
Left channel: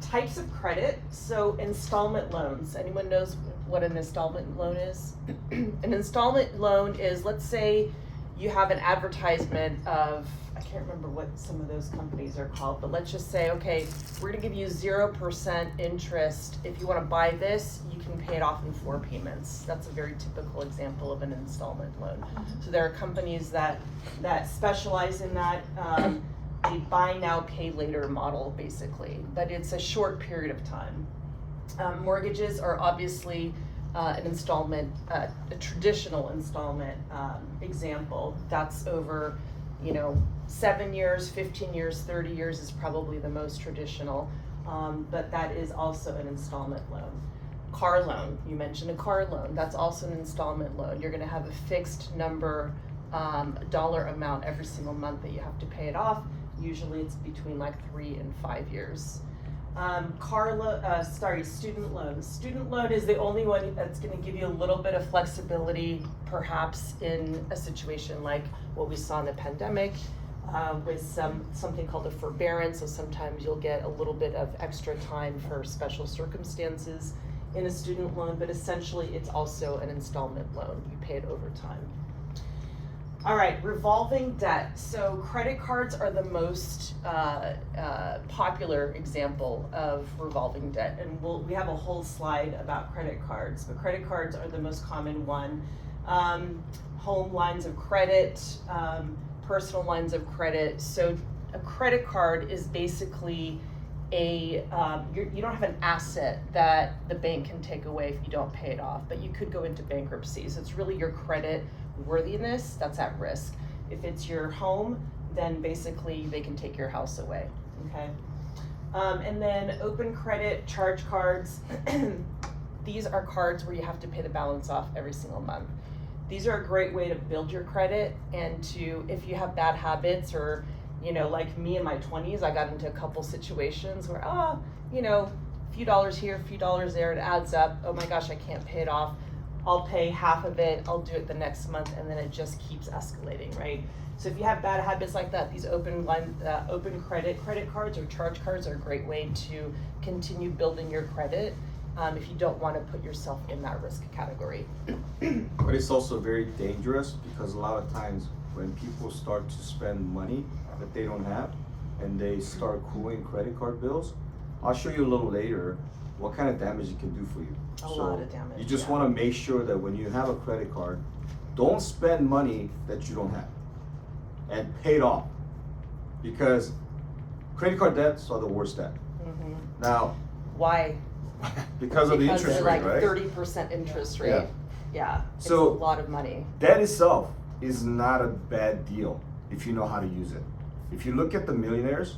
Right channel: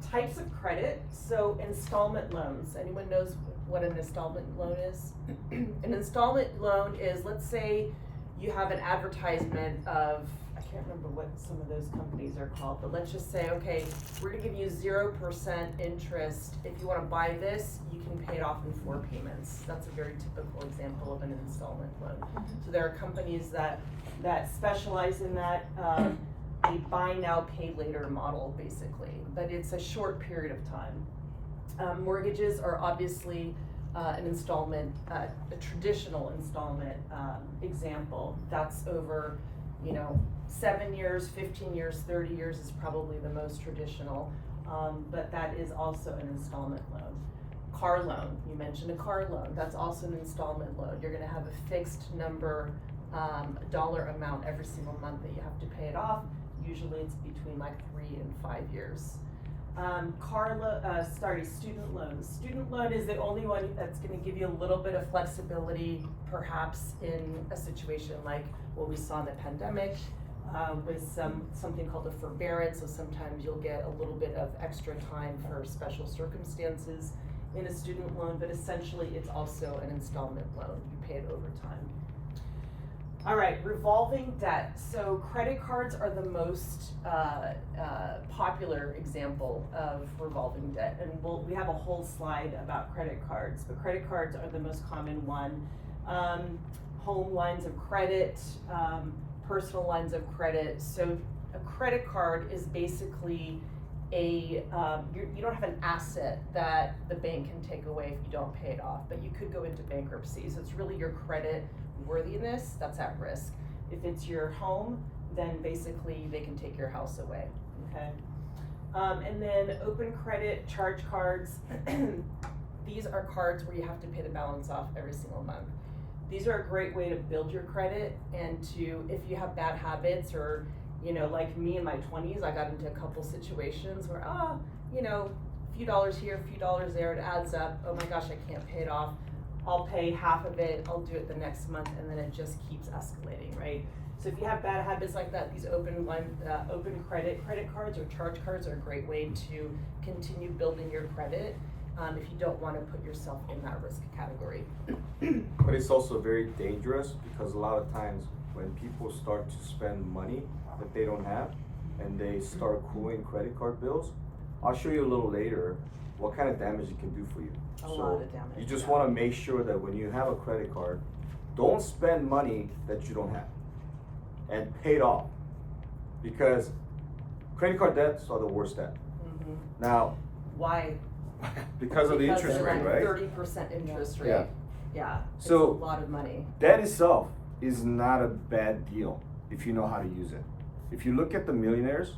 Types of credit, so installment loans. Anyone knows what an installment loan is? An installment loan is, let's say you have an advertisement of, I can't remember what some of those companies are called, but let's just say, okay, we're gonna give you 0% interest. If you wanna buy this, you can pay it off in 4 payments. That's a very typical example of an installment loan. So there are companies that specialize in that. A buy now, pay later model, basically, but it's a short period of time. Mortgages are obviously an installment, a traditional installment example. That's over, 7 years, 15 years, 30 years is probably the most traditional, but that is also an installment loan. Car loan, you mentioned a car loan, that's also an installment loan. You're gonna have a fixed number, dollar amount every single month that you have to pay it off. Usually it's between like 3 and 5 years. Student loans. Student loan is the only one that's gonna give you a little bit of flexibility, perhaps in a situation like what we saw in the pandemic, with something called a forbearance. So sometimes you'll get a little bit of extra time for special circumstances in a student loan, but essentially it's also an installment loan. You pay it over time. All right, revolving debt. So credit cards are the most popular example of revolving debt, and we have a whole slide about credit cards, but credit cards are the most common one. Home lines of credit, personal lines of credit. So a credit card is basically you don't have an asset that the bank can take away if you don't pay it off, but you could go into bankruptcy. So it's really your credit worthiness that's at risk. If it's your home, then basically they can take your house away, okay? And then open credit charge cards. These are cards where you have to pay the balance off every single month. These are a great way to build your credit, and if you have bad habits, or like me in my 20s, I got into a couple situations where, a few dollars here, a few dollars there, it adds up. Oh my gosh, I can't pay it off. I'll pay half of it, I'll do it the next month, and then it just keeps escalating, right? So if you have bad habits like that, these open credit cards or charge cards are a great way to continue building your credit if you don't want to put yourself in that risk category. But it's also very dangerous, because a lot of times when people start to spend money that they don't have and they start accruing credit card bills, I'll show you a little later what kind of damage it can do for you. A lot of damage. You just yeah. want to make sure that when you have a credit card, don't spend money that you don't have, and pay it off, because credit card debts are the worst debt. Mm-hmm. Now, Why? because of the interest they're rate, like right? 30% interest rate. Yeah. It's So- a lot of money. Debt itself is not a bad deal if you know how to use it. If you look at the millionaires,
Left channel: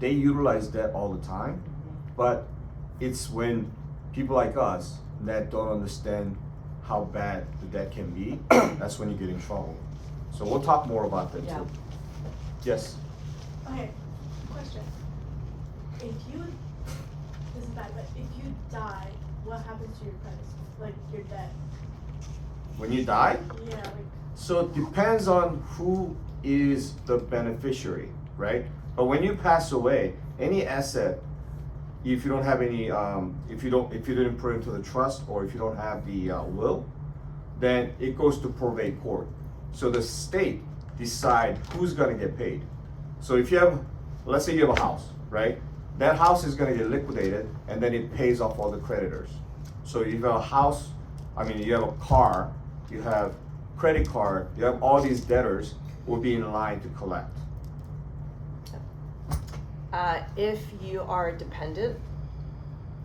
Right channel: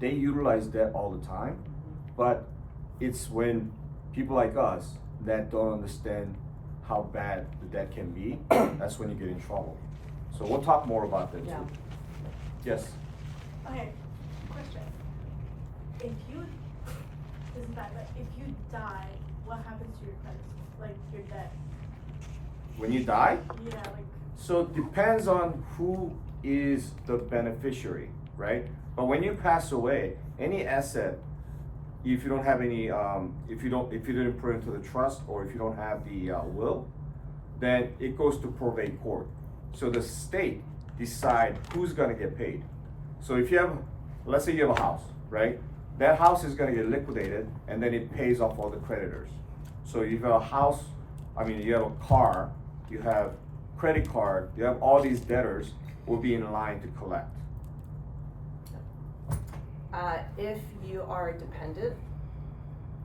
they utilize debt all the time, but it's when people like us that don't understand how bad the debt can be, that's when you get in trouble. So we'll talk more about that Yeah. too. Yes? Okay, question. If you, this is bad, but if you die, what happens to your credit score? Like your debt? When you die? Yeah, like, So it depends on who is the beneficiary, right? But when you pass away, any asset, if you don't have any, if you didn't put it into the trust, or if you don't have the will, then it goes to probate court. So the state decide who's gonna get paid. So if you have, let's say you have a house, right? That house is gonna get liquidated, and then it pays off all the creditors. So you have a house, you have a car, you have credit card, you have all these debtors will be in line to collect. If you are dependent,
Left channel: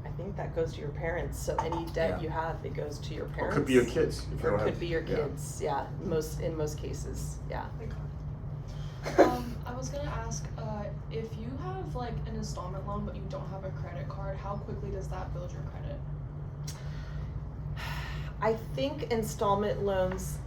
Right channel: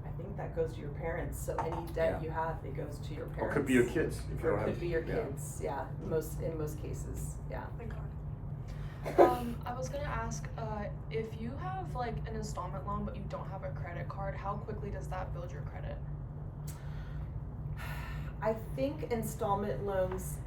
I think that goes to your parents, so any debt Yeah. you have, it goes to your Or parents. it could be your kids. If you Or don't it could have- be your yeah. kids, yeah, in most cases, yeah. I was gonna ask, if you have like an installment loan but you don't have a credit card, how quickly does that build your credit? I think installment loans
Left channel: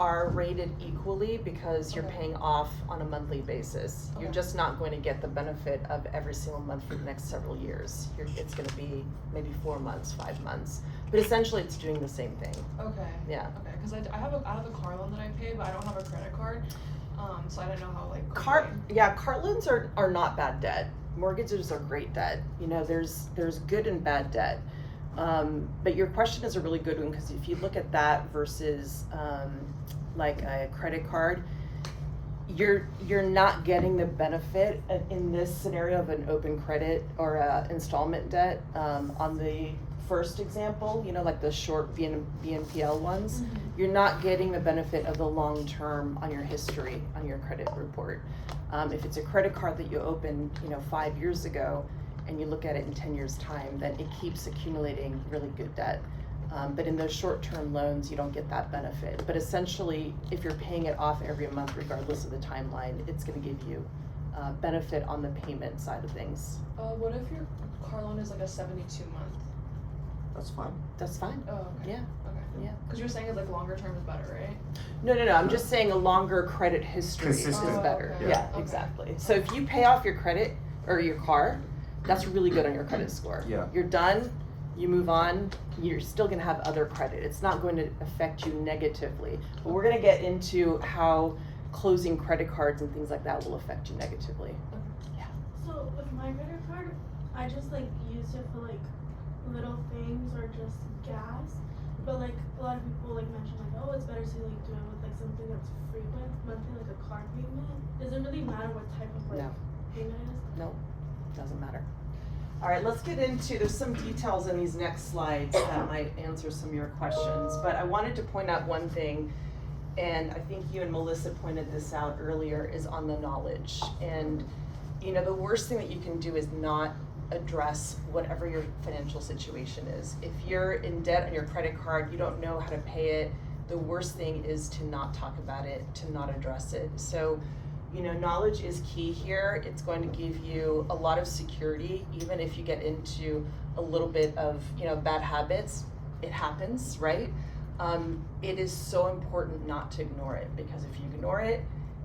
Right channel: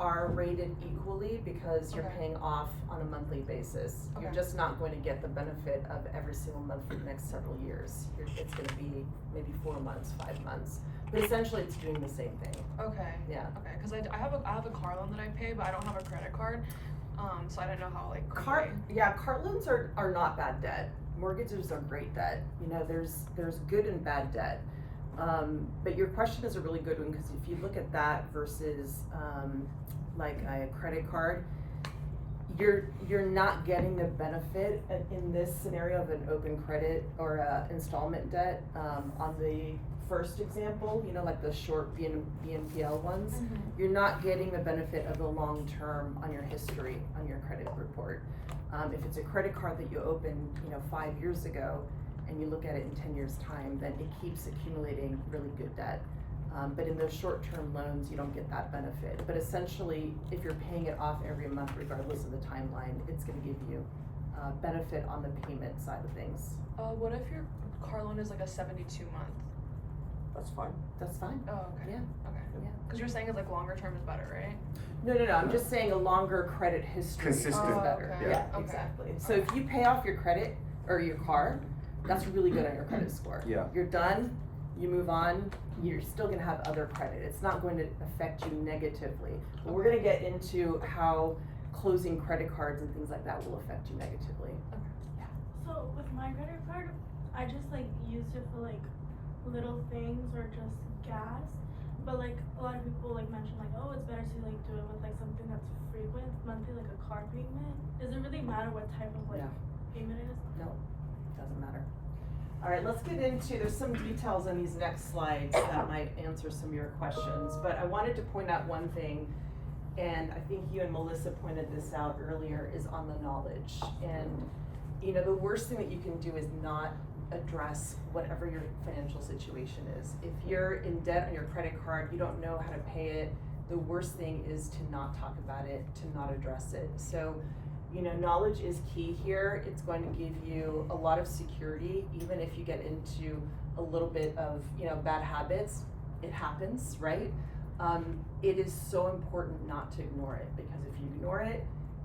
are rated equally because you're paying off on a monthly basis. You're Okay. just not going to get the benefit of every single month for the next several years. It's gonna be maybe 4 months, 5 months, but essentially it's doing the same thing, Okay. yeah. Okay, because I have a car loan that I pay, but I don't have a credit card, so I didn't know how like. Car loans are not bad debt. Mortgages are great debt. You know, there's good and bad debt. But your question is a really good one, because if you look at that versus like a credit card, you're not getting the benefit in this scenario of an open credit or a installment debt. On the first example, you know, like the short BNPL ones, you're not getting the benefit of the long term on your history on your credit report. If it's a credit card that you opened, 5 years ago, and you look at it in 10 years' time, then it keeps accumulating really good debt. But in those short-term loans, you don't get that benefit. But essentially, if you're paying it off every month, regardless of the timeline, it's gonna give you benefit on the payment side of things. What if your car loan is like a 72-month? That's fine. That's fine. Oh, okay. Yeah. Okay. Yeah. Because you're saying it's like longer term is better, right? No, I'm just saying a longer credit history is Consistent. better. Okay. Yeah, Okay. exactly. So if you pay off your credit or your car, that's really good on your credit score. Yeah. You're done, you move on, you're still gonna have other credit. It's not going to affect you negatively. But we're gonna get into how closing credit cards and things like that will affect you negatively. so with my credit card, I just like use it for like little things or just gas. But like a lot of people like mention like, oh, it's better to like do it with like something that's frequent, monthly, like a car payment. Does it really matter what type of like No. payment it is? No, doesn't matter. All right, let's get into, there's some details in these next slides that might answer some of your questions, but I wanted to point out one thing, and I think you and Melissa pointed this out earlier, is on the knowledge. And, the worst thing that you can do is not address whatever your financial situation is. If you're in debt on your credit card, you don't know how to pay it, the worst thing is to not talk about it, to not address it. So, knowledge is key here. It's going to give you a lot of security, even if you get into a little bit of, bad habits. It happens, right? It is so important not to ignore it, because if you ignore it,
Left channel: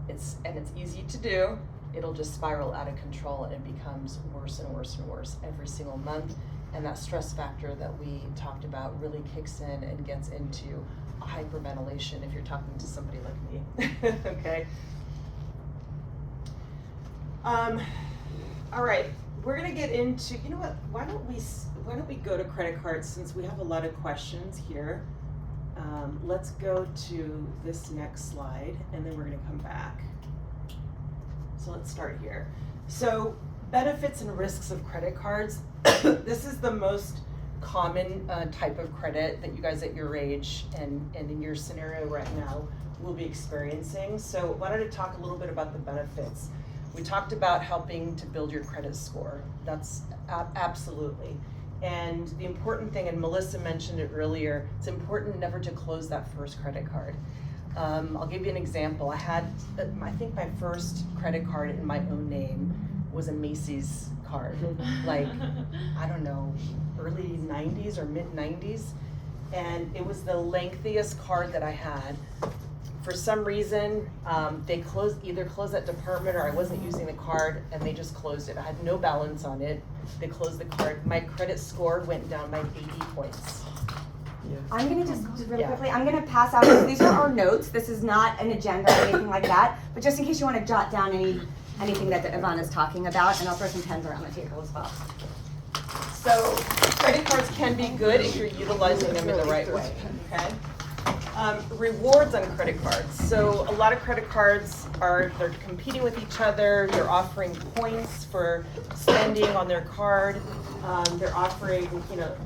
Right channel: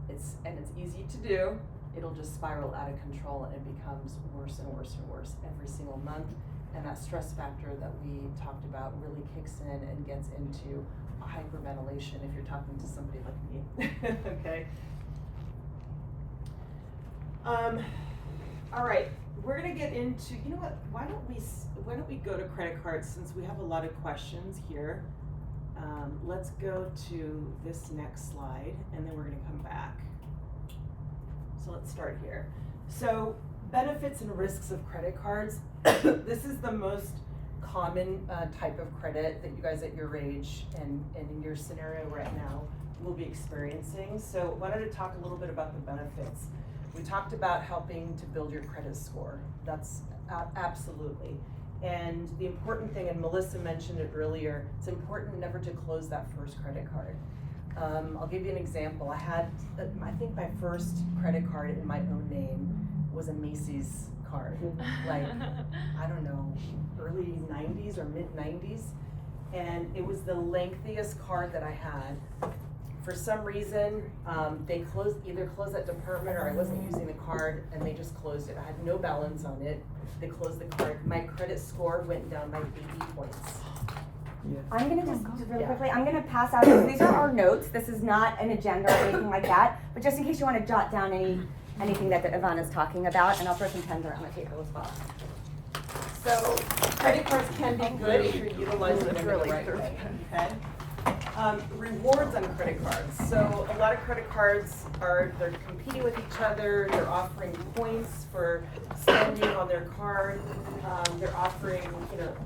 it's easy to do, it'll just spiral out of control, and it becomes worse and worse and worse every single month. And that stress factor that we talked about really kicks in and gets into a hyperventilation if you're talking to somebody like me, okay? All right, we're gonna get into, why don't we go to credit cards, since we have a lot of questions here. Let's go to this next slide, and then we're gonna come back. So let's start here. So benefits and risks of credit cards. This is the most common type of credit that you guys at your age and in your scenario right now will be experiencing. So why don't I talk a little bit about the benefits? We talked about helping to build your credit score. That's absolutely. And the important thing, and Melissa mentioned it earlier, it's important never to close that first credit card. I'll give you an example. I had, I think my first credit card in my own name was a Macy's card, like, I don't know, early 90s or mid 90s. And it was the lengthiest card that I had. For some reason, they either closed that department or I wasn't using the card and they just closed it. I had no balance on it. They closed the card. My credit score went down by 80 points. I'm gonna just really Yeah. quickly, I'm gonna pass out, these are our notes, this is not an agenda or anything like that, but just in case you wanna jot down anything that Ivana's talking about, and I'll throw some pens around the table as well. So credit cards can be good if you're utilizing them in the right way, okay? Rewards on credit cards. So a lot of credit cards they're competing with each other. They're offering points for spending on their card. They're offering,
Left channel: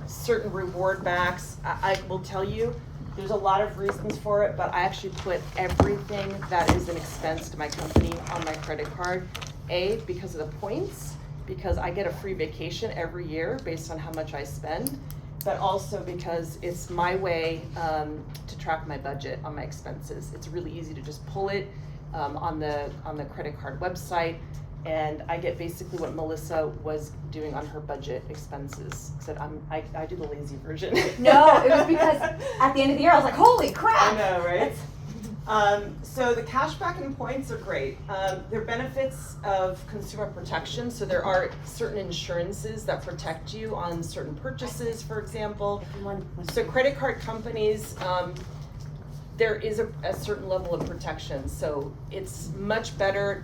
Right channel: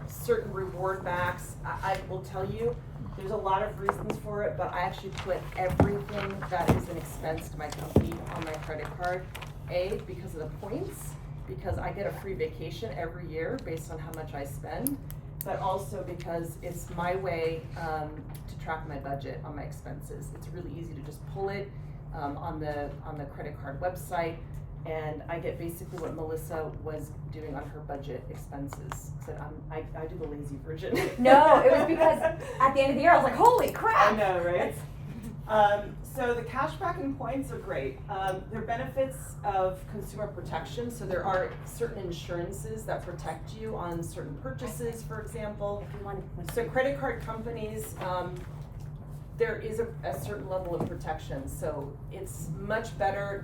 certain reward backs. I will tell you, there's a lot of reasons for it, but I actually put everything that is an expense to my company on my credit card. A, because of the points, because I get a free vacation every year based on how much I spend, but also because it's my way to track my budget on my expenses. It's really easy to just pull it on the credit card website, and I get basically what Melissa was doing on her budget expenses. Except I do the lazy version. No, it was because at the end of the year, I was like, holy crap! I know, right? So the cashback and points are great. They're benefits of consumer protection. So there are certain insurances that protect you on certain purchases, for example. If you want to. So credit card companies, there is a certain level of protection. So it's much better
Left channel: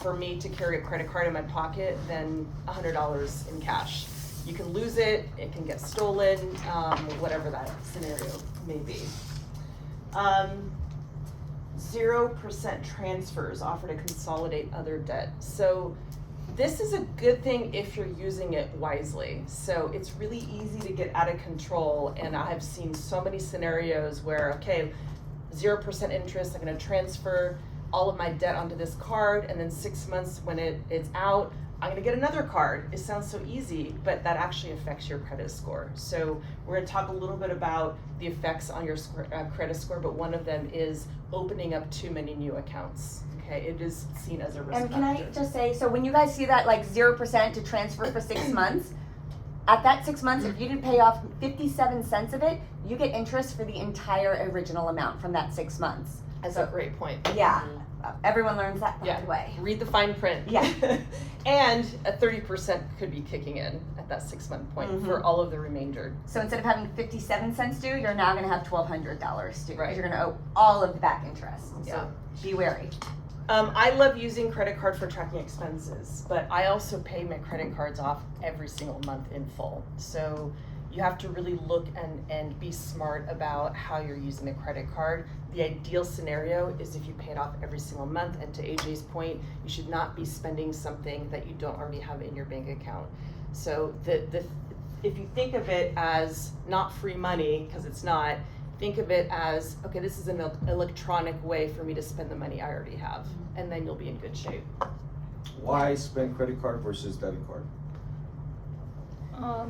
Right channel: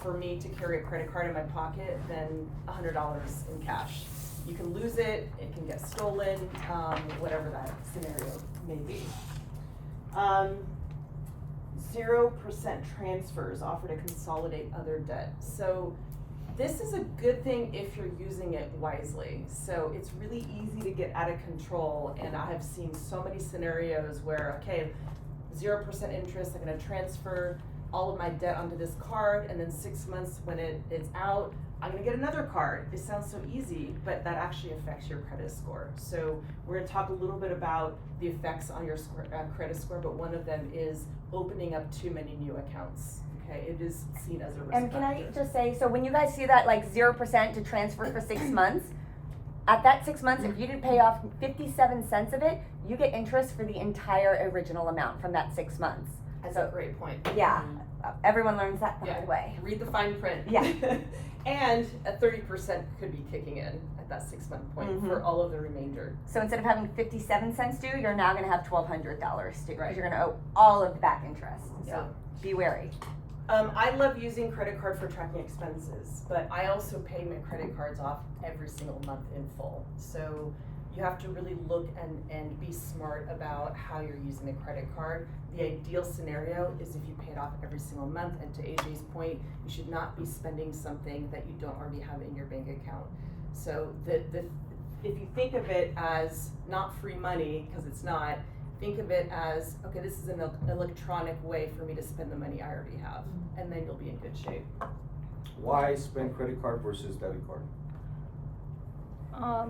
for me to carry a credit card in my pocket than $100 in cash. You can lose it, it can get stolen, whatever that scenario may be. 0% transfers offer to consolidate other debt. So this is a good thing if you're using it wisely. So it's really easy to get out of control, and I have seen so many scenarios where, okay, 0% interest, I'm gonna transfer all of my debt onto this card, and then 6 months when it's out, I'm gonna get another card. It sounds so easy, but that actually affects your credit score. So we're gonna talk a little bit about the effects on your credit score, but one of them is opening up too many new accounts. Okay, it is seen as a risk And can I factor. just say, so when you guys see that like 0% to transfer for 6 months, at that 6 months, if you didn't pay off 57 cents of it, you get interest for the entire original amount from that 6 months. That's a great point. Yeah, everyone learns that the Yeah. hard way. Read the fine print. Yeah. And a 30% could be kicking in at that 6 month point for all of the remainder. So instead of having 57 cents due, you're now gonna have $1,200 due. Right. Because you're gonna owe all of the back interest. Yeah. So be wary. I love using credit card for tracking expenses, but I also pay my credit cards off every single month in full. So you have to really look and be smart about how you're using the credit card. The ideal scenario is if you pay it off every single month, and to AJ's point, you should not be spending something that you don't already have in your bank account. So if you think of it as not free money, because it's not, think of it as, okay, this is an electronic way for me to spend the money I already have, and then you'll be in good shape. Why spend credit card versus debit card?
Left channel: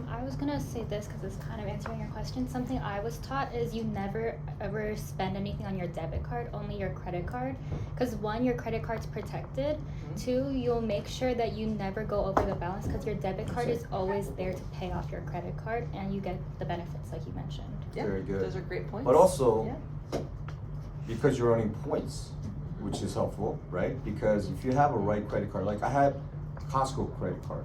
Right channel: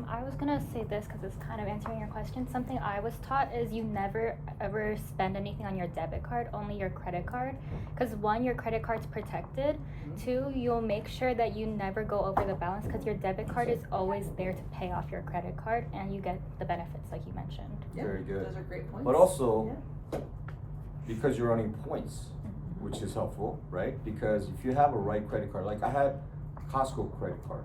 I was gonna say this because it's kind of answering your question. Something I was taught is you never ever spend anything on your debit card, only your credit card. Because one, your credit card's protected. Two, you'll make sure that you never go over the balance because your debit card is always there to pay off your credit card, and you get the benefits like you mentioned. Yeah, Very good. Those are great points. But also, because you're earning points, which is helpful, right? Because if you have a right credit card, like I had Costco credit card,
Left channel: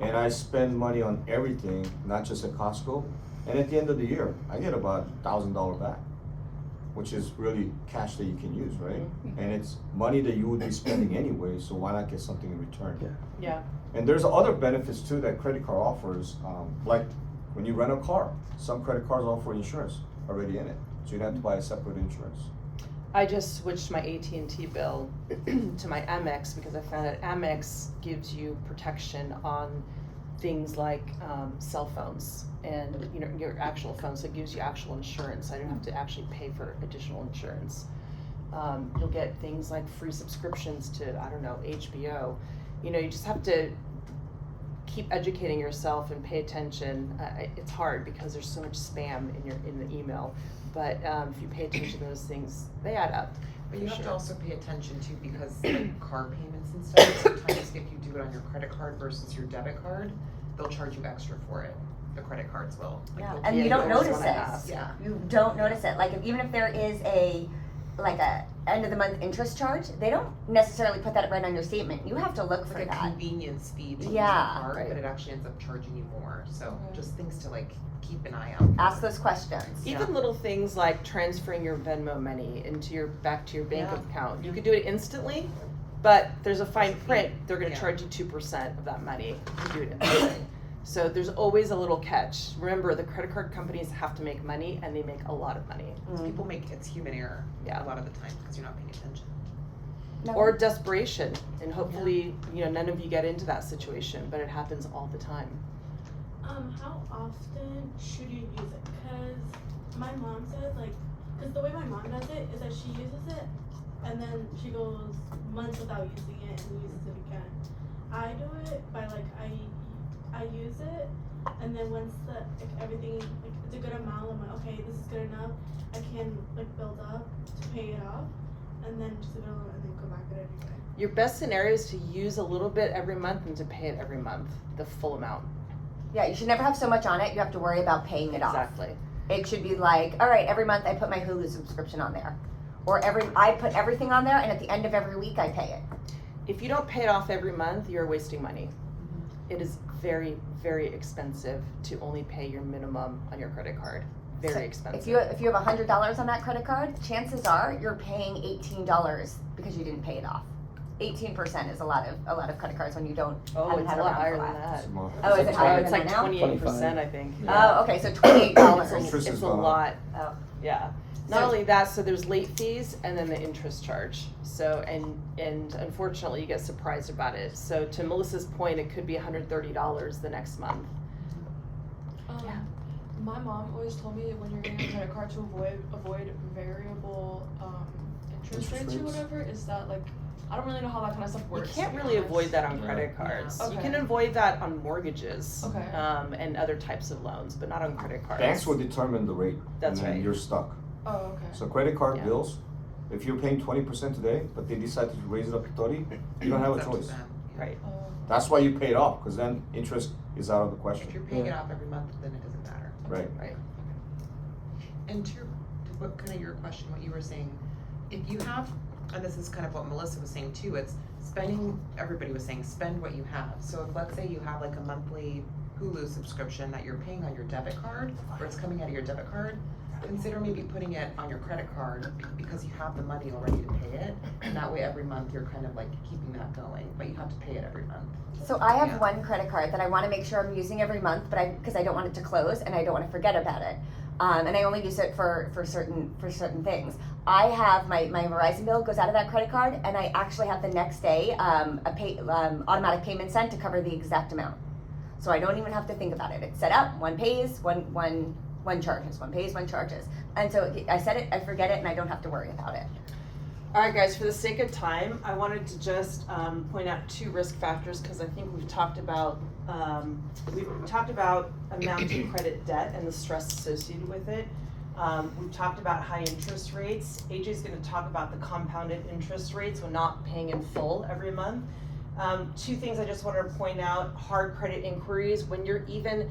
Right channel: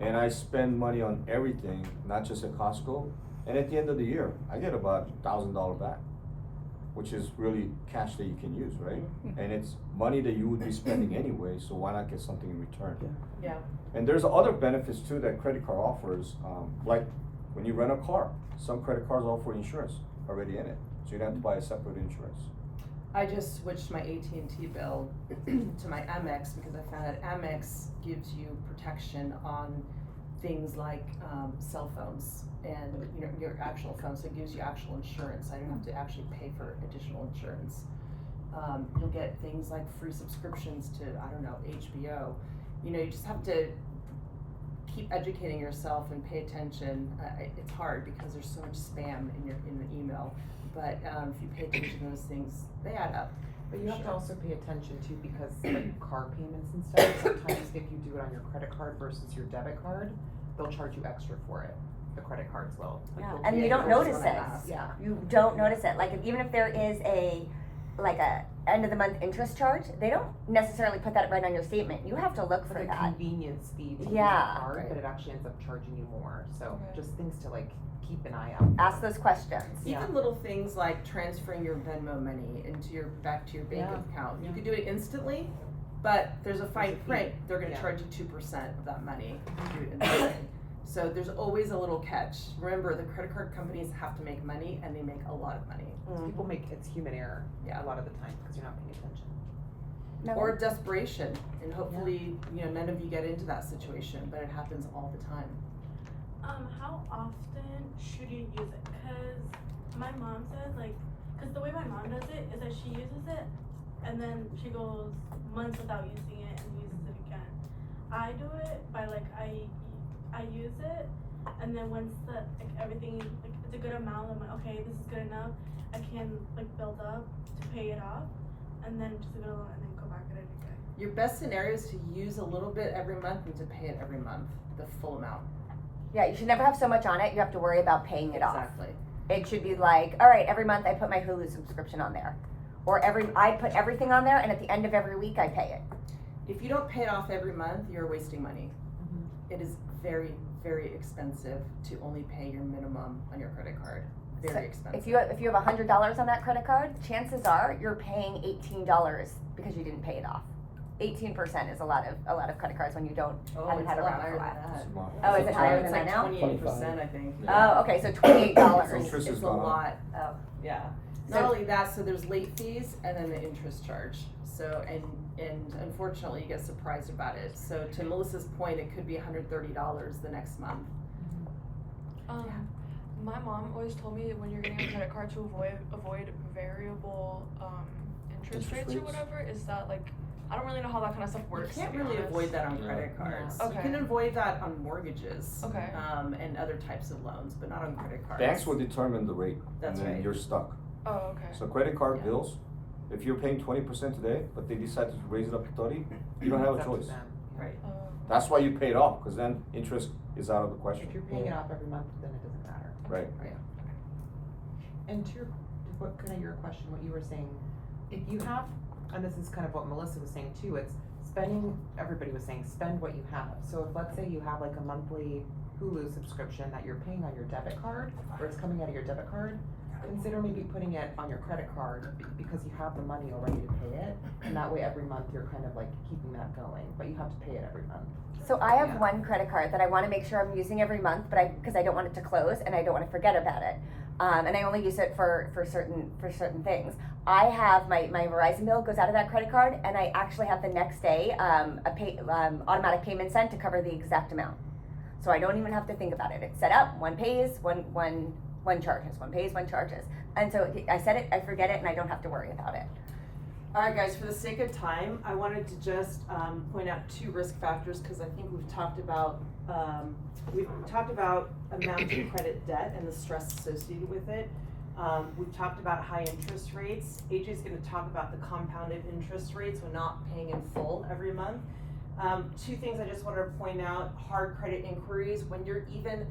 and I spend money on everything, not just at Costco. And at the end of the year, I get about $1,000 back, which is really cash that you can use, right? And it's money that you would be spending anyway, so why not get something in return? Yeah. And there's other benefits too that credit card offers, like when you rent a car, some credit cards offer insurance already in it, so you don't have to buy a separate insurance. I just switched my AT&T bill to my Amex because I found that Amex gives you protection on things like cell phones and your actual phone, so it gives you actual insurance. I don't have to actually pay for additional insurance. You'll get things like free subscriptions to, I don't know, HBO. You just have to keep educating yourself and pay attention. It's hard because there's so much spam in the email. But if you pay attention to those things, they add up. But you have to also pay attention to, because like car payments and stuff, sometimes if you do it on your credit card versus your debit card, they'll charge you extra for it. The credit cards will. Like, Yeah, they'll and take you don't it notice when it. I ask. Yeah. You don't notice it. Like, even if there is a end of the month interest charge, they don't necessarily put that right on your statement. You have to look for Like a that. convenience fee to use Yeah. the card, Right. but it actually ends up charging you more. So just things to like keep an eye out. Ask those questions. Even little things like transferring your Venmo money back to your bank Yeah. account. You could do it instantly, but there's a fine print. They're going to Yeah. charge you 2% of that money if you do it instantly. So there's always a little catch. Remember, the credit card companies have to make money, and they make a lot of money. People make it's human error Yeah. a lot of the time because you're not paying attention. No. Or desperation, and hopefully, none of you get into that situation, but it happens all the time. How often should you use it? Cause my mom says cause the way my mom does it is that she uses it and then she goes months without using it and uses it again. I do it by I use it and then once everything it's a good amount, I'm like, okay, this is good enough. I can build up to pay it off and then just leave it alone and then go back at it again. Your best scenario is to use a little bit every month and to pay it every month, the full amount. Yeah, you should never have so much on it. You have to worry about paying it off. Exactly. It should be like, all right, every month I put my Hulu subscription on there. Or I put everything on there, and at the end of every week I pay it. If you don't pay it off every month, you're wasting money. It is very, very expensive to only pay your minimum on your credit card. Very So expensive. If you have $100 on that credit card, chances are you're paying $18 because you didn't pay it off. 18% is a lot of credit cards when you haven't it's had a it lot around for higher a than while. that. Smart. Oh, is it higher It's than like that now? 28%, I think. Oh, okay, so $28. Interest It's is a gone up. lot. Oh. Yeah. Not only that, so there's late fees and then the interest charge. So and unfortunately you get surprised about it. So to Melissa's point, it could be $130 the next month. My mom always told me when you're getting a credit card to avoid variable interest rates or rates? whatever. Is that I don't really know how that kind of stuff You works. can't really avoid that on Yeah. credit cards. You Okay. can avoid that on mortgages Okay. and other types of loans, but not on credit cards. Banks will determine the rate, That's and then right. you're stuck. Oh, okay. So credit card Yeah. bills, if you're paying 20% today, but they decide to raise it up to 30, you don't have a It's up to choice. them. Right. That's why you pay it off, because then interest is out of the If question. you're paying it off every month, then it doesn't matter. Right. And to what kind of your question, what you were saying, if you have, and this is kind of what Melissa was saying too, it's spending, everybody was saying, spend what you have. So if let's say you have like a monthly Hulu subscription that you're paying on your debit card, or it's coming out of your debit card, consider maybe putting it on your credit card because you have the money already to pay it. And that way every month you're kind of like keeping that going, but you have to pay it every month. So I have Yeah. one credit card that I want to make sure I'm using every month, but because I don't want it to close and I don't want to forget about it, and I only use it for certain things. I have my Verizon bill goes out of that credit card, and I actually have the next day automatic payment sent to cover the exact amount. So I don't even have to think about it. It's set up. One pays, one charges. One pays, one charges. And so I set it, I forget it, and I don't have to worry about it. All right, guys, for the sake of time, I wanted to just point out 2 risk factors because I think we've talked about mounting credit debt and the stress associated with it. We've talked about high interest rates. AJ's going to talk about the compounded interest rates when not paying in full every month. 2 things I just wanted to point out: hard credit inquiries. When you're even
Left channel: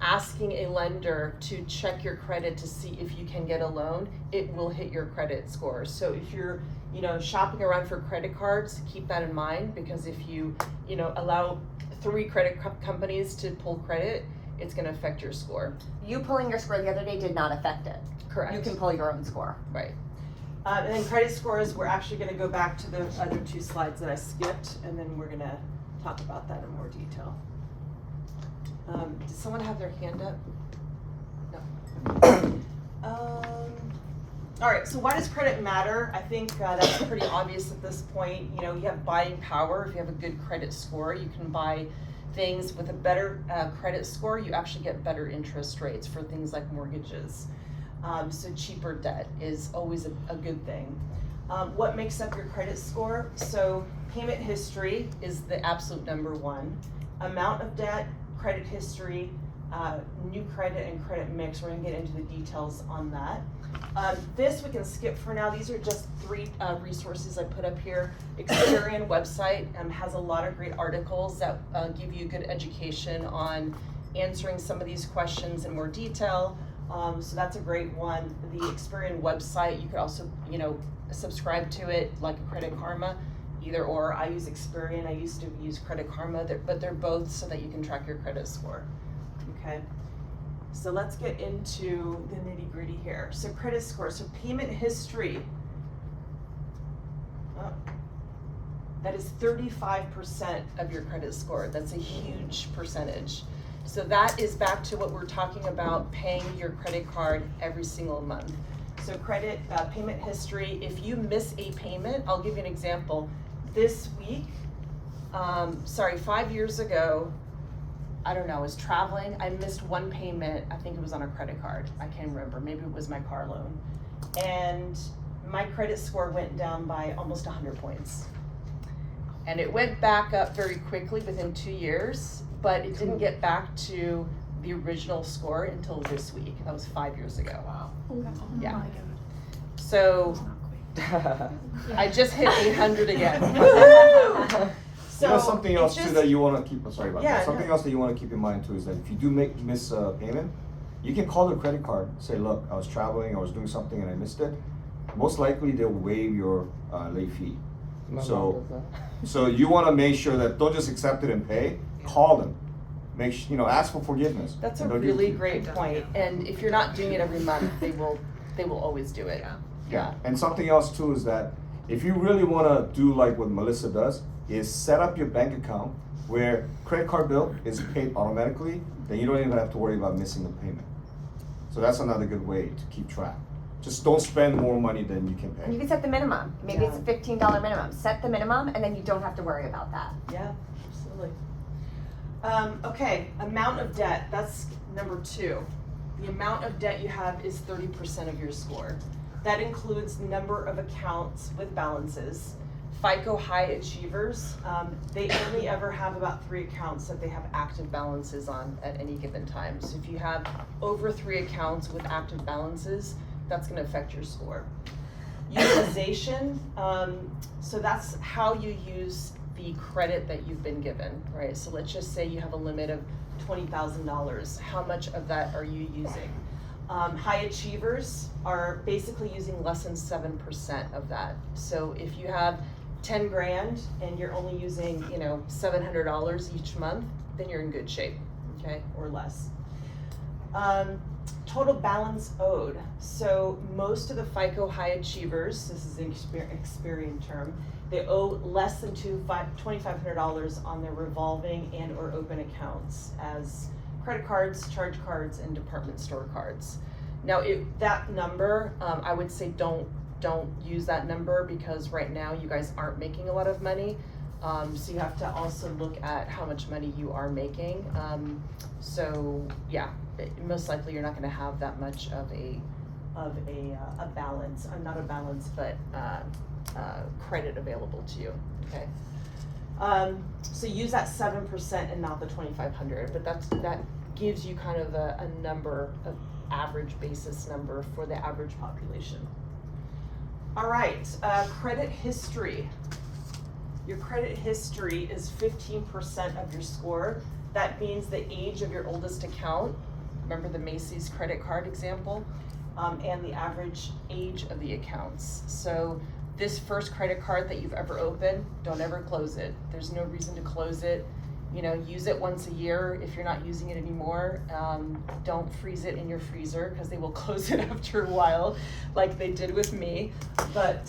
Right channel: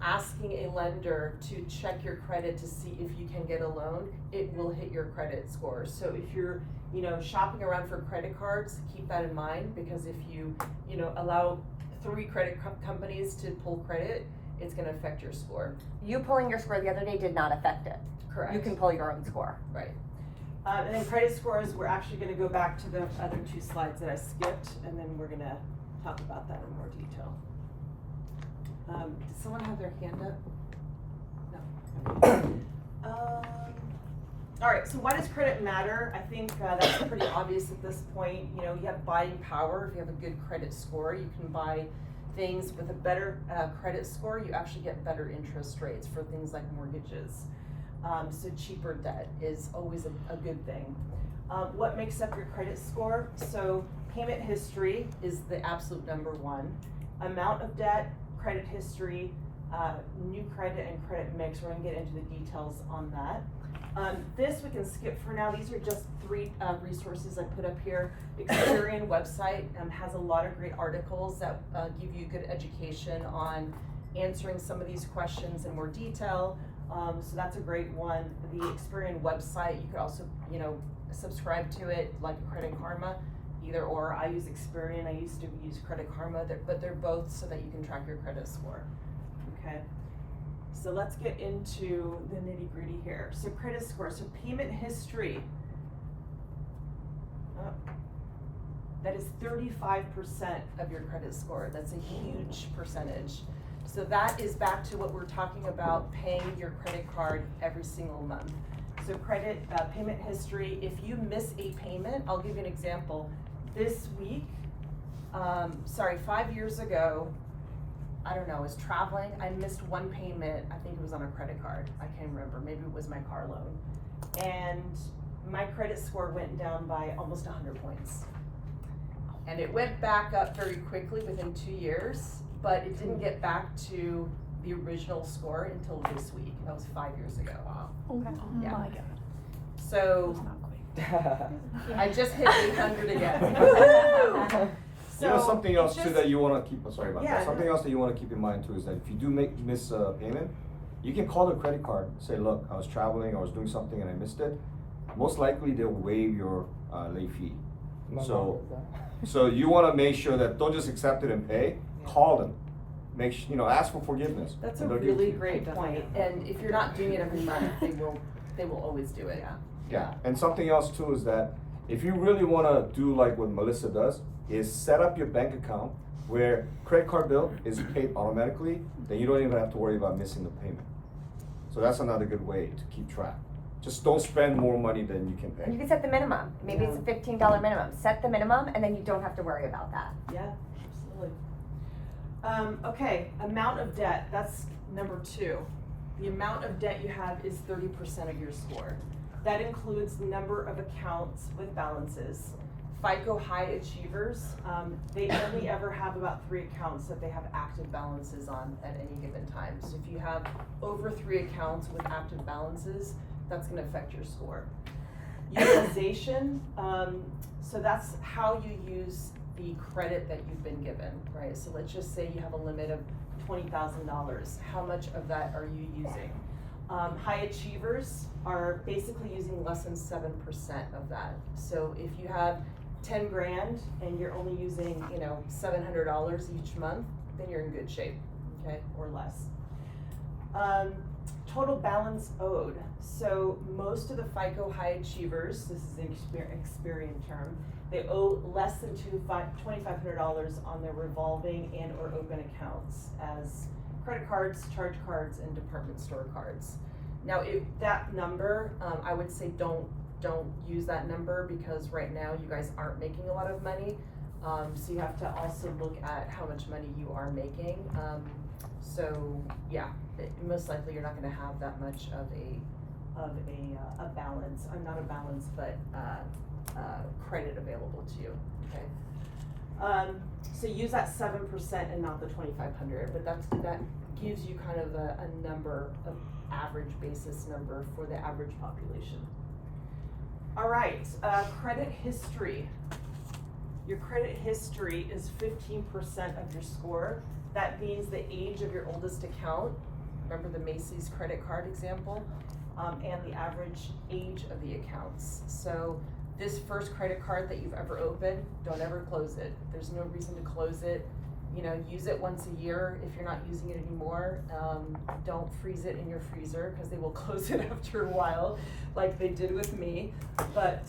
asking a lender to check your credit to see if you can get a loan, it will hit your credit scores. So if you're, shopping around for credit cards, keep that in mind, because if you, allow 3 credit companies to pull credit, it's going to affect your score. You pulling your score the other day did not affect it. Correct. You can pull your own score. Right. And then credit scores, we're actually going to go back to the other 2 slides that I skipped, and then we're going to talk about that in more detail. Did someone have their hand up? No. All right, so why does credit matter? I think that's pretty obvious at this point. You have buying power. If you have a good credit score, you can buy things with a better credit score. You actually get better interest rates for things like mortgages. So cheaper debt is always a good thing. What makes up your credit score? So payment history is the absolute number 1. Amount of debt, credit history, new credit and credit mix. We're gonna get into the details on that. This we can skip for now. These are just 3 resources I put up here. Experian website has a lot of great articles that give you good education on answering some of these questions in more detail. So that's a great one. The Experian website, you could also, subscribe to it like a Credit Karma, either or. I use Experian, I used to use Credit Karma, but they're both so that you can track your credit score. Okay. So let's get into the nitty gritty here. So credit score, so payment history. Oh, that is 35% of your credit score. That's a huge percentage. So that is back to what we're talking about, paying your credit card every single month. So credit, payment history, if you miss a payment, I'll give you an example. This week, 5 years ago, I don't know, I was traveling, I missed one payment, I think it was on a credit card, I can't remember, maybe it was my car loan. And my credit score went down by almost 100 points. And it went back up very quickly within 2 years, but it didn't get back to the original score until this week. That was 5 years ago. Wow. Yeah. So I just hit 800 again. So something else it's too that you want to keep. Sorry about Yeah, that. Something no. else that you want to keep in mind too is that if you do miss a payment, you can call the credit card. Say, look, I was traveling, I was doing something, and I missed it. Most likely, they'll waive your late fee. So you want to make sure that don't just accept it and pay. Call them. Ask for forgiveness. That's a and they'll give it really to you. great point. And if you're not doing it every month, they will always do it. Yeah, and something else too is that if you really want to do like what Melissa does, is set up your bank account where credit card bill is paid automatically, then you don't even have to worry about missing the payment. So that's another good way to keep track. Just don't spend more money than you can And you pay. can set the minimum. Maybe Yeah. it's a $15 minimum. Set the minimum, and then you don't have to worry about that. Yeah, absolutely. Okay, amount of debt, that's number 2. The amount of debt you have is 30% of your score. That includes number of accounts with balances. FICO high achievers, they only ever have about 3 accounts that they have active balances on at any given time. So if you have over 3 accounts with active balances, that's gonna affect your score. Utilization, so that's how you use the credit that you've been given, right? So let's just say you have a limit of $20,000. How much of that are you using? High achievers are basically using less than 7% of that. So if you have 10 grand and you're only using, $700 each month, then you're in good shape, okay, or less. Total balance owed. So most of the FICO high achievers, this is an Experian term, they owe less than $2,500 on their revolving and or open accounts as credit cards, charge cards, and department store cards. Now, if that number, I would say don't use that number because right now you guys aren't making a lot of money. So you have to also look at how much money you are making. Most likely you're not going to have that much of a balance, not a balance, but credit available to you. Okay. So use that 7% and not the 2,500, but that gives you kind of a number, of average basis number for the average population. All right, credit history. Your credit history is 15% of your score. That means the age of your oldest account. Remember the Macy's credit card example? And the average age of the accounts. So this first credit card that you've ever opened, don't ever close it. There's no reason to close it. Use it once a year. If you're not using it anymore, don't freeze it in your freezer because they will close it after a while, like they did with me. But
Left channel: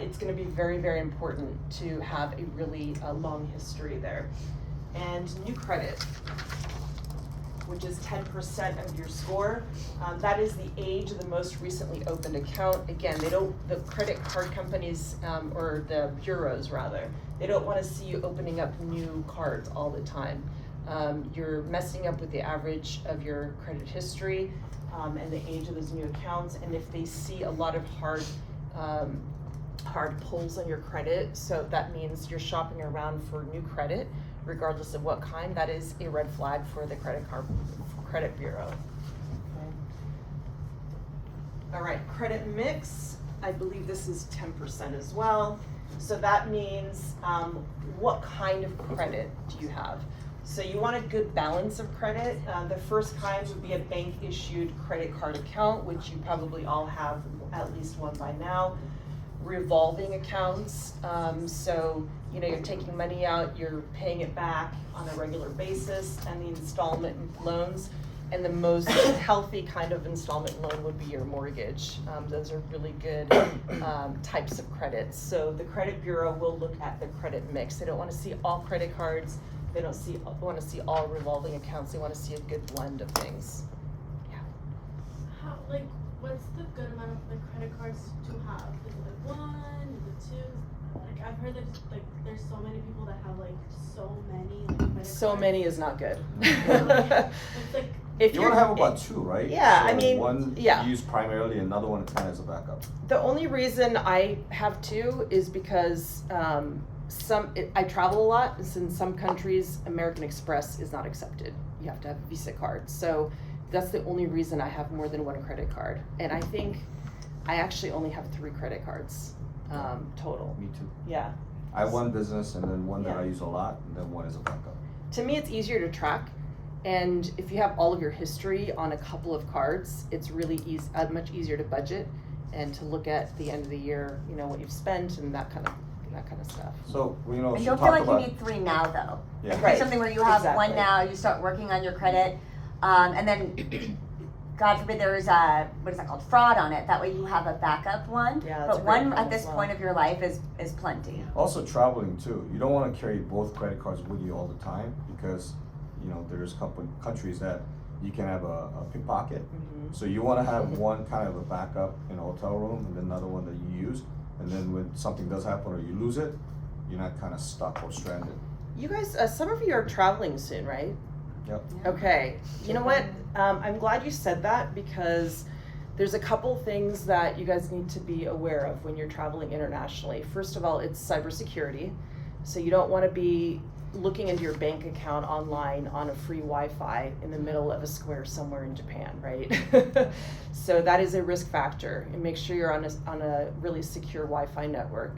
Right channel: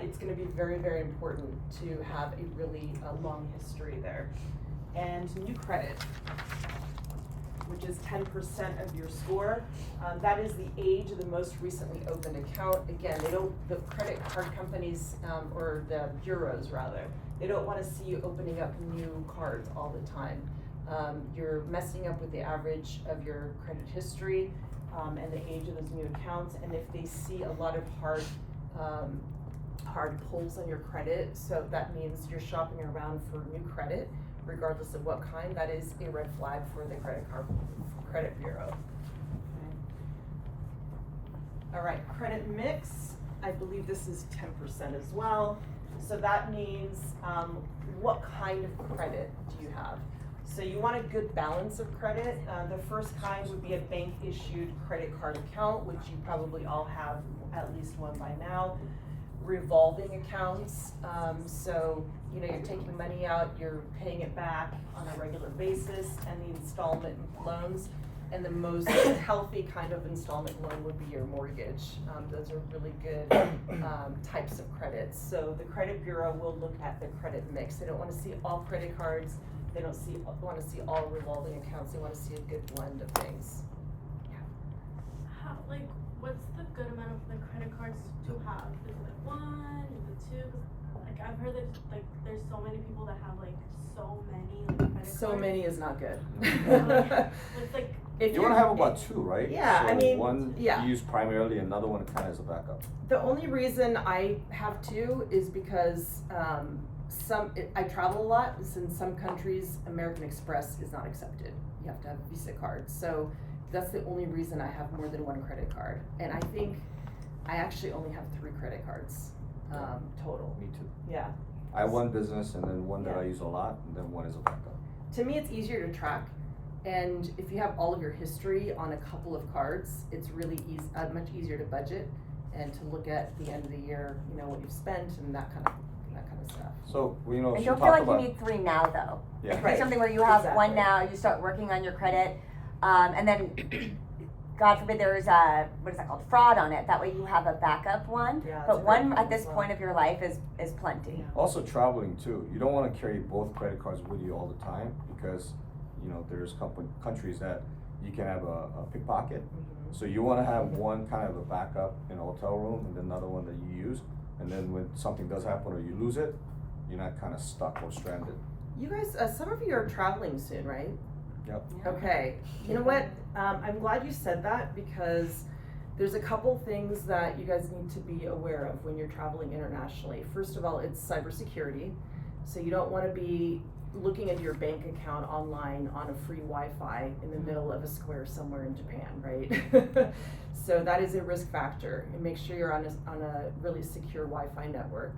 it's going to be very, very important to have a really long history there. And new credit, which is 10% of your score. That is the age of the most recently opened account. Again, the credit card companies, or the bureaus rather, they don't wanna see you opening up new cards all the time. You're messing up with the average of your credit history, and the age of those new accounts. And if they see a lot of hard hard pulls on your credit. So that means you're shopping around for new credit, regardless of what kind. That is a red flag for the credit bureau. Okay. All right, credit mix. I believe this is 10% as well. So that means what kind of credit do you have? So you want a good balance of credit. The first kind would be a bank issued credit card account, which you probably all have at least one by now. Revolving accounts, so you know you're taking money out, you're paying it back on a regular basis, and the installment loans. And the most healthy kind of installment loan would be your mortgage. Those are really good types of credits. So the credit bureau will look at the credit mix. They don't want to see all credit cards. They don't want to see all revolving accounts. They want to see a good blend of things. How, like, what's the good amount of the credit cards to have? Is it like one? Is it two? Like, I've heard there's so many people that have like so many. Like, credit So cards. many is not good. It's like, If You want to have about two, right? Yeah, so I mean, one yeah. you use primarily, another one kind of as a backup. The only reason I have two is because I travel a lot, and in some countries, American Express is not accepted. You have to have a Visa card. So that's the only reason I have more than one credit card. And I think I actually only have 3 credit cards total. Me too. Yeah. I have one business and then one that Yeah. I use a lot, and then one is a backup. To me, it's easier to track. And if you have all of your history on a couple of cards, it's really much easier to budget and to look at the end of the year, you know, what you've spent and that kind of stuff. So you know, And she don't feel talked like about you need 3 now though. yeah. Like, Right. do something where you have Exactly. one now, you start working on your credit, and then God forbid there is what is that called, fraud on it. That way you have a backup one. Yeah, that's but a great one point at this as well. point of your life is plenty. Also traveling too. You don't want to carry both credit cards with you all the time because you know there's countries that you can have a pickpocket. Mm-hmm. So you want to have one kind of a backup in a hotel room and then another one that you use. And then when something does happen or you lose it, you're not kind of stuck or stranded. You guys, some of you are traveling soon, right? Yep. Okay. You know what? I'm glad you said that because there's a couple things that you guys need to be aware of when you're traveling internationally. First of all, it's cybersecurity. So you don't want to be looking into your bank account online on a free Wi-Fi in the middle of a square somewhere in Japan, right? So that is a risk factor, and make sure you're on a really secure Wi-Fi network.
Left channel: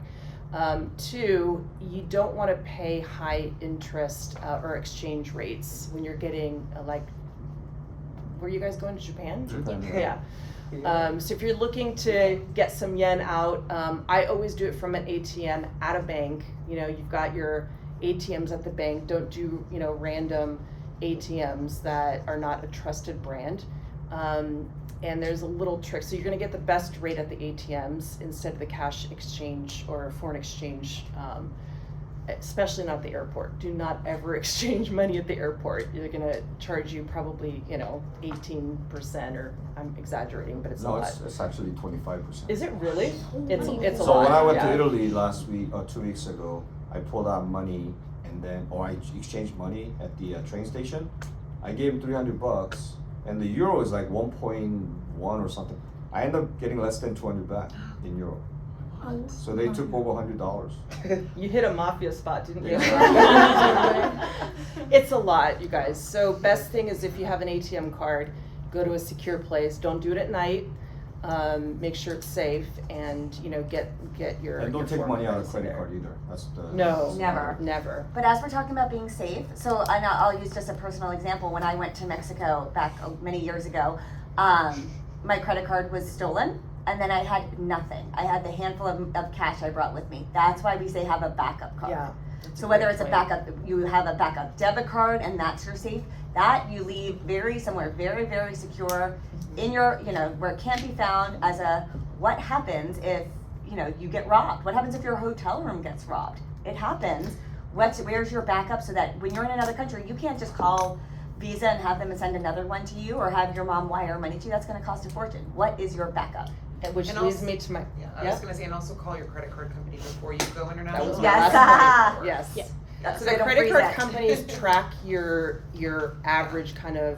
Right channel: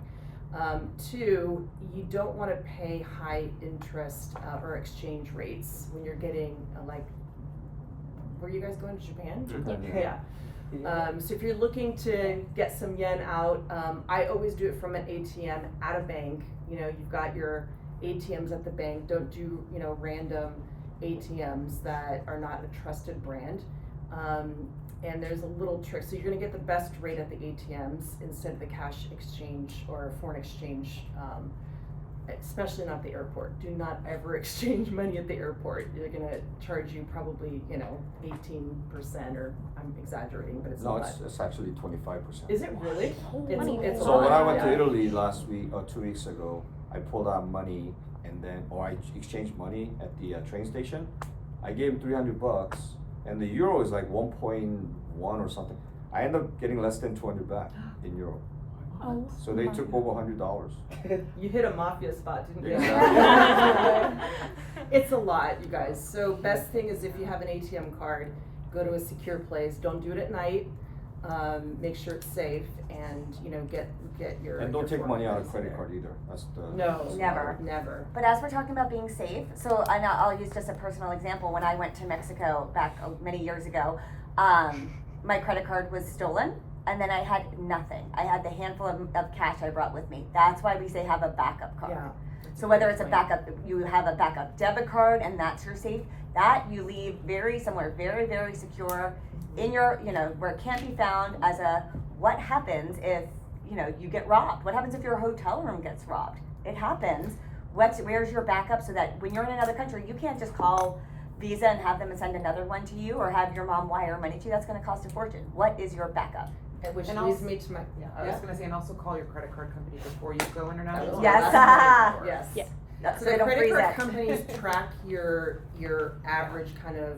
2, you don't want to pay high interest or exchange rates when you're getting were you guys going to Japan? Japan, Yeah. So if you're looking to get some yen out, I always do it from an ATM at a bank. You know, you've got your ATMs at the bank. Don't do, you know, random ATMs that are not a trusted brand. And there's a little trick. So you're gonna get the best rate at the ATMs instead of the cash exchange or foreign exchange, especially not at the airport. Do not ever exchange money at the airport. They're gonna charge you probably, you know, 18%, or I'm exaggerating, but it's a No, lot. it's actually 25%. Is it really? It's a So lot. when I went yeah. to Italy last week or 2 weeks ago, I pulled out money I exchanged money at the train station. I gave him $300, and the euro is like 1.1 or something. I ended up getting less than 200 back in euro. So they took over $100. You hit a mafia spot, didn't you? Exactly. It's a lot, you guys. So best thing is if you have an ATM card, go to a secure place. Don't do it at night. Make sure it's safe, and you know, get your. And don't your take money out of foreign credit currency card either. That's the there. No, Never. never. But as we're talking about being safe, so and I'll use just a personal example. When I went to Mexico back many years ago, my credit card was stolen, and then I had nothing. I had the handful of cash I brought with me. That's why we say have a backup card. Yeah. So whether it's a backup, you have a backup debit card, and that's your safe. That you leave somewhere very, very secure in your, you know, where it can't be found as a, what happens if, you know, you get robbed? What happens if your hotel room gets robbed? It happens. Where's your backup so that when you're in another country, you can't just call Visa and have them send another one to you, or have your mom wire money to you? That's gonna cost a fortune. What is your backup? Which And leads also- me to my. Yeah, I Yep. was gonna say, and also call your credit card company before you go That international. was my Yes. last point. Yes. Yeah. That's So so they the don't credit freeze card it. companies track your average kind of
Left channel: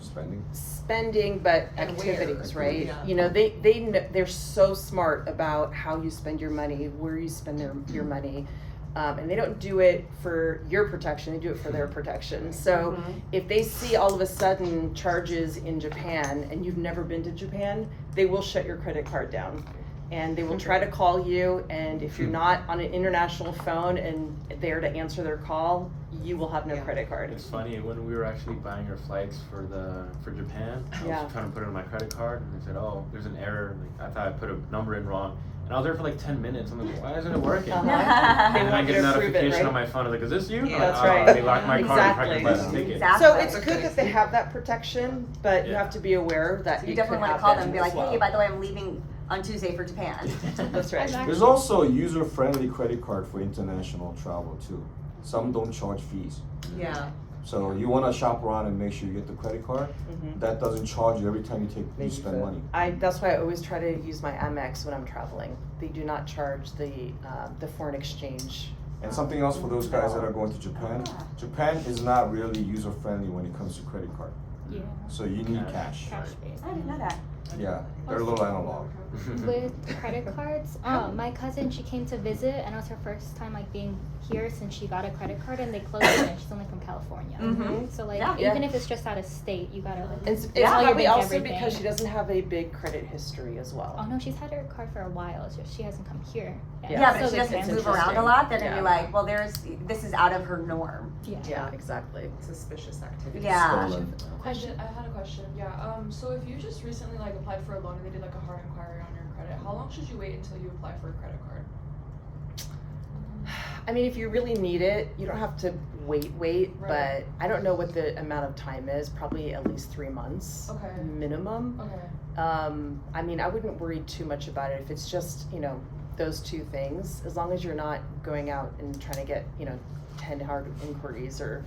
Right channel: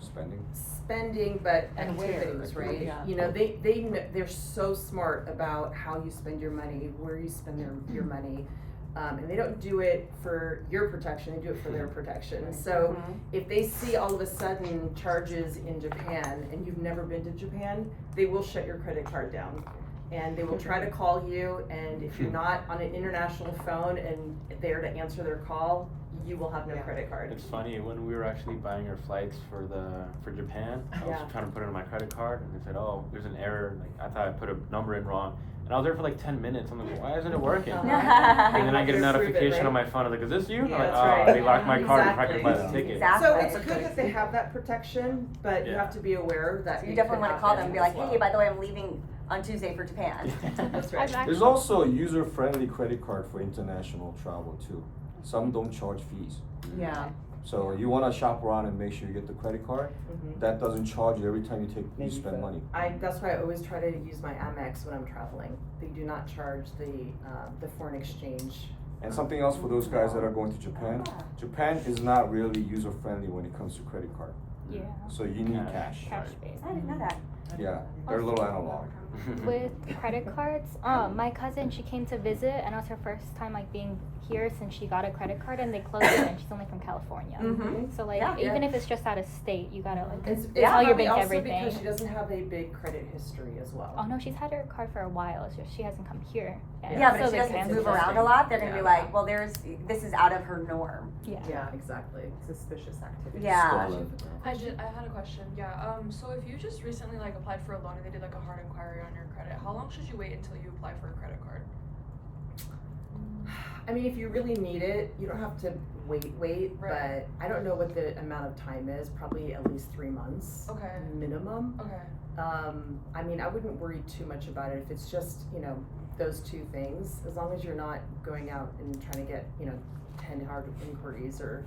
spending. spending, but And activities, where, right? yeah. You know, they're so smart about how you spend your money, where you spend your money. And they don't do it for your protection, they do it for their protection. So if they see all of a sudden charges in Japan and you've never been to Japan, they will shut your credit card down. And they will try to call you, and if you're not on an international phone and there to answer their call, you will have no credit card. It's funny, when we were actually buying our flights for Japan, I Yeah. was trying to put it on my credit card, and they said, "Oh, there's an error." Like, I thought I put a number in wrong, and I was there for like 10 minutes. I'm like, "Why isn't it working?" Uh-huh. And They then I want get you a to approve it, notification right? on my phone. I was like, "Is this you?" Yeah, I'm like, that's "Oh, right. They locked my card. Exactly. I can buy a ticket." Exactly. So it's good that they have that protection, but you Yeah. have to be aware that So you it definitely could want to call them happen and be like, as well. hey, by the way, I'm leaving on Tuesday for Japan. That's right. There's also a user-friendly credit card for international travel too. Some don't charge fees. Yeah. So you wanna shop around and make sure you get the credit card, Mhm. that doesn't charge you every time you spend money. That's why I always try to use my Amex when I'm traveling. They do not charge the foreign exchange. And something else for those guys that are going to Japan, Japan is not really user-friendly when it comes to credit card. Yeah. So you need cash. I didn't know that. Yeah, they're a little analog. With credit cards, my cousin, she came to visit, and it was her first time like being here since she got a credit card, and they closed it, and she's only from California. Mhm. So like, Yeah. even if it's just out of state, you gotta. It's Yeah. probably Bank also everything. because she doesn't have a big credit history as well. Oh no, she's had her card for a while. So she hasn't come here. And Yeah. Yeah, but so if she they doesn't can move answer- around a lot, they're gonna be Yeah. like, well, this is out of her norm. Yeah, exactly. Suspicious activity. Yeah. Stolen. Question. I had a question. Yeah. So if you just recently like applied for a loan and they did like a hard inquiry on your credit, how long should you wait until you apply for a credit card? I mean, if you really need it, you don't have to wait, Right. but I don't know what the amount of time is, probably at least 3 months Okay. minimum. Okay. I mean, I wouldn't worry too much about it if it's just, those two things, as long as you're not going out and trying to get, 10 hard inquiries or,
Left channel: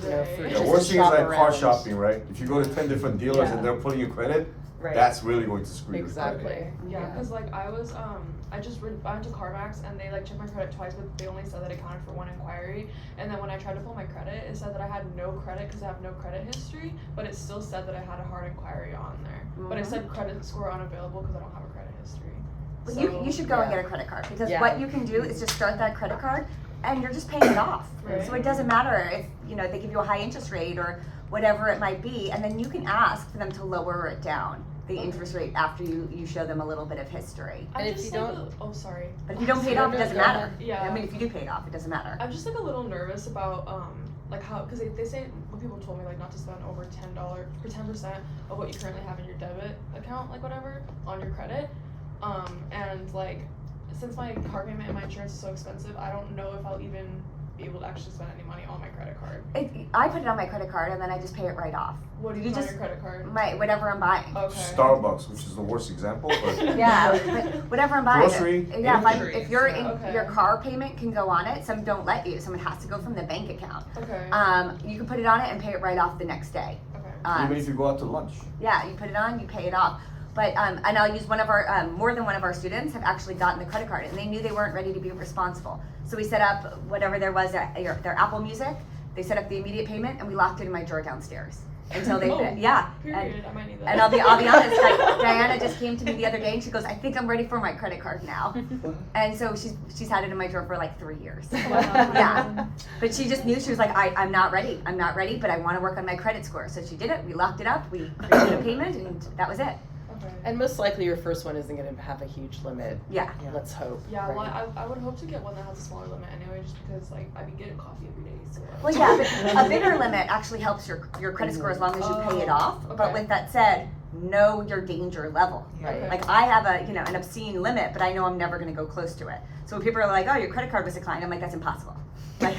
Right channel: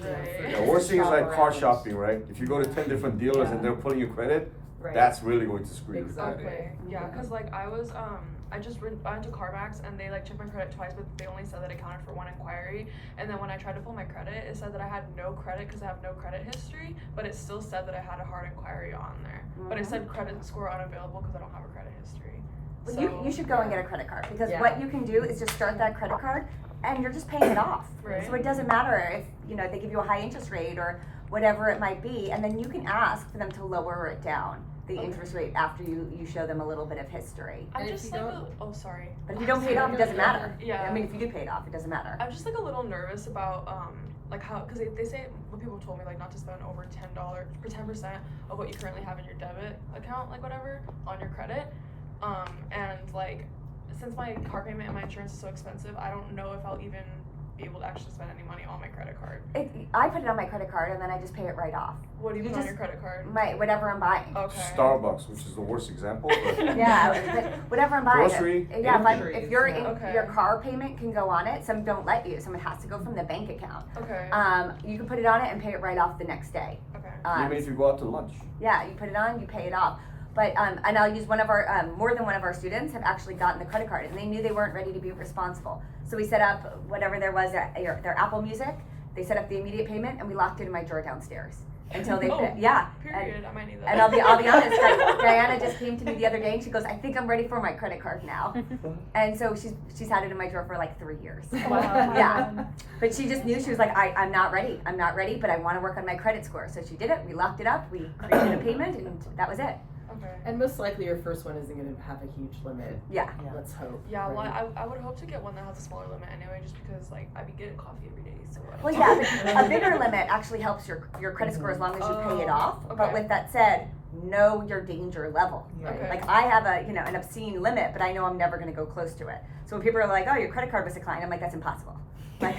for Right. Yeah, just worst to thing is shop like car around. shopping, right? If you go to 10 different dealers Yeah. and they're pulling your credit, Right. that's really going to screw your credit. Exactly. Yeah, because like I was, I went to CarMax and they like checked my credit twice, but they only said that it counted for one inquiry. And then when I tried to pull my credit, it said that I had no credit because I have no credit history, but it still said that I had a hard inquiry on there. But it said credit score unavailable because I don't have a credit history. Well, So- you should go and get a credit card because Yeah. what you can do is just start that credit card and you're just paying it off. Right. So it doesn't matter if they give you a high interest rate or whatever it might be, and then you can ask for them to lower it down, the interest rate, after you show them a little bit of history. I'm And if just you like don't- oh sorry. But if you don't pay it off, it doesn't No, no, matter. Yeah. I mean, if you do pay it off, it doesn't matter. I'm just like a little nervous about like how because they say when people told me like not to spend over $10 for 10% of what you currently have in your debit account, like whatever, on your credit. And like since my car payment and my insurance is so expensive, I don't know if I'll even be able to actually spend any money on my credit card. I put it on my credit card and then I just pay it right off. What do you You put on just- your credit card? Whatever I'm buying. Okay. Starbucks, which is the worst example, but Yeah, but whatever I'm buying. Grocery, Yeah, groceries, if your okay. your car payment can go on it, some don't let you. Someone has to go from the bank account. Okay. You can put it on it and pay it right off the next day. Okay. even if you go out to lunch. Yeah, you put it on, you pay it off. But and I'll use one of our more than one of our students have actually gotten the credit card, and they knew they weren't ready to be responsible. So we set up whatever there was their Apple Music. They set up the immediate payment, and we locked it in my drawer downstairs until they Oh, yeah. Period. I might need that. And I'll be honest, like Diana just came to me the other day and she goes, I think I'm ready for my credit card now. And so she's had it in my drawer for like 3 years. Yeah. But she just knew, she was like, I'm not ready, but I want to work on my credit score. So she did it, we locked it up, we created a payment, and that was it. Okay. And most likely your first one isn't going to have a huge limit. Yeah. Let's hope. Yeah, right? well, I would hope to get one that has a smaller limit anyway, just because like I've been getting coffee every day. So. Well, yeah, but a bigger limit actually helps your credit score as long as you pay it off. But Okay. with that said, know your danger level. Right. Like I have an obscene limit, but I know I'm never going to go close to it. So when people are like, "Oh, your credit card was declined," I'm like, "That's impossible." Like,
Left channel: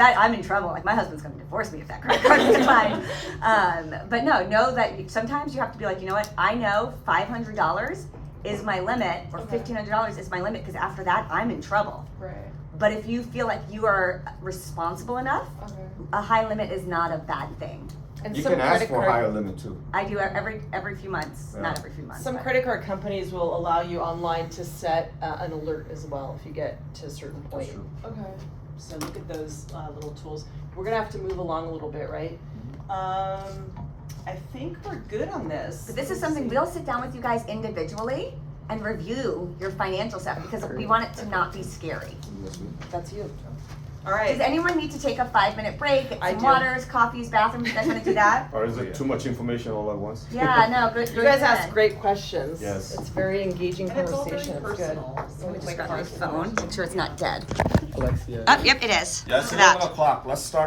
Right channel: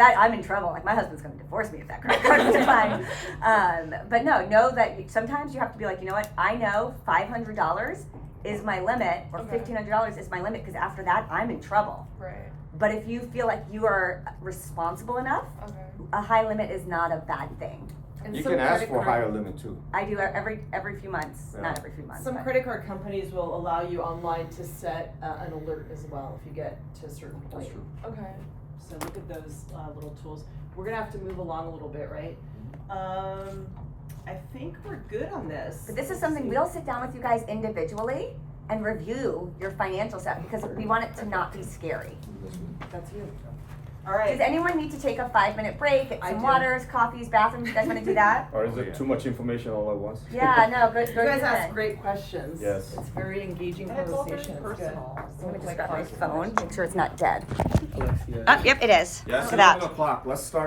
I'm in trouble. Like my husband's going to divorce me if that credit card was declined. But no, know that sometimes you have to be like, you know what? I know $500 is my limit, or $1,500 is my limit, because after that, I'm in trouble. Right. But if you feel like you are responsible enough, Okay. a high limit is not a bad thing. And You some can ask credit for a card- higher limit too. I do every few months, Yeah. not every few months. Some but- credit card companies will allow you online to set an alert as well if you get to a certain point. That's true. Okay. So look at those little tools. We're gonna have to move along a little bit, right? I think we're good on this. But this is something we'll sit down with you guys individually and review your financial stuff because we want it to not be scary. That's you. All Does right. anyone need to take a 5-minute break, get I some do. waters, coffees, bathrooms? You guys want to do that? Or is it too much information all at once? Yeah, no, good. You guys ask great questions. Yes. It's very engaging And it's all very conversation. It's good. personal. I'm gonna just Like grab my constantly phone, make sure it's not dead. Alexia. Oh, yep, it is. Yes, Look at that. 11 o'clock. Let's start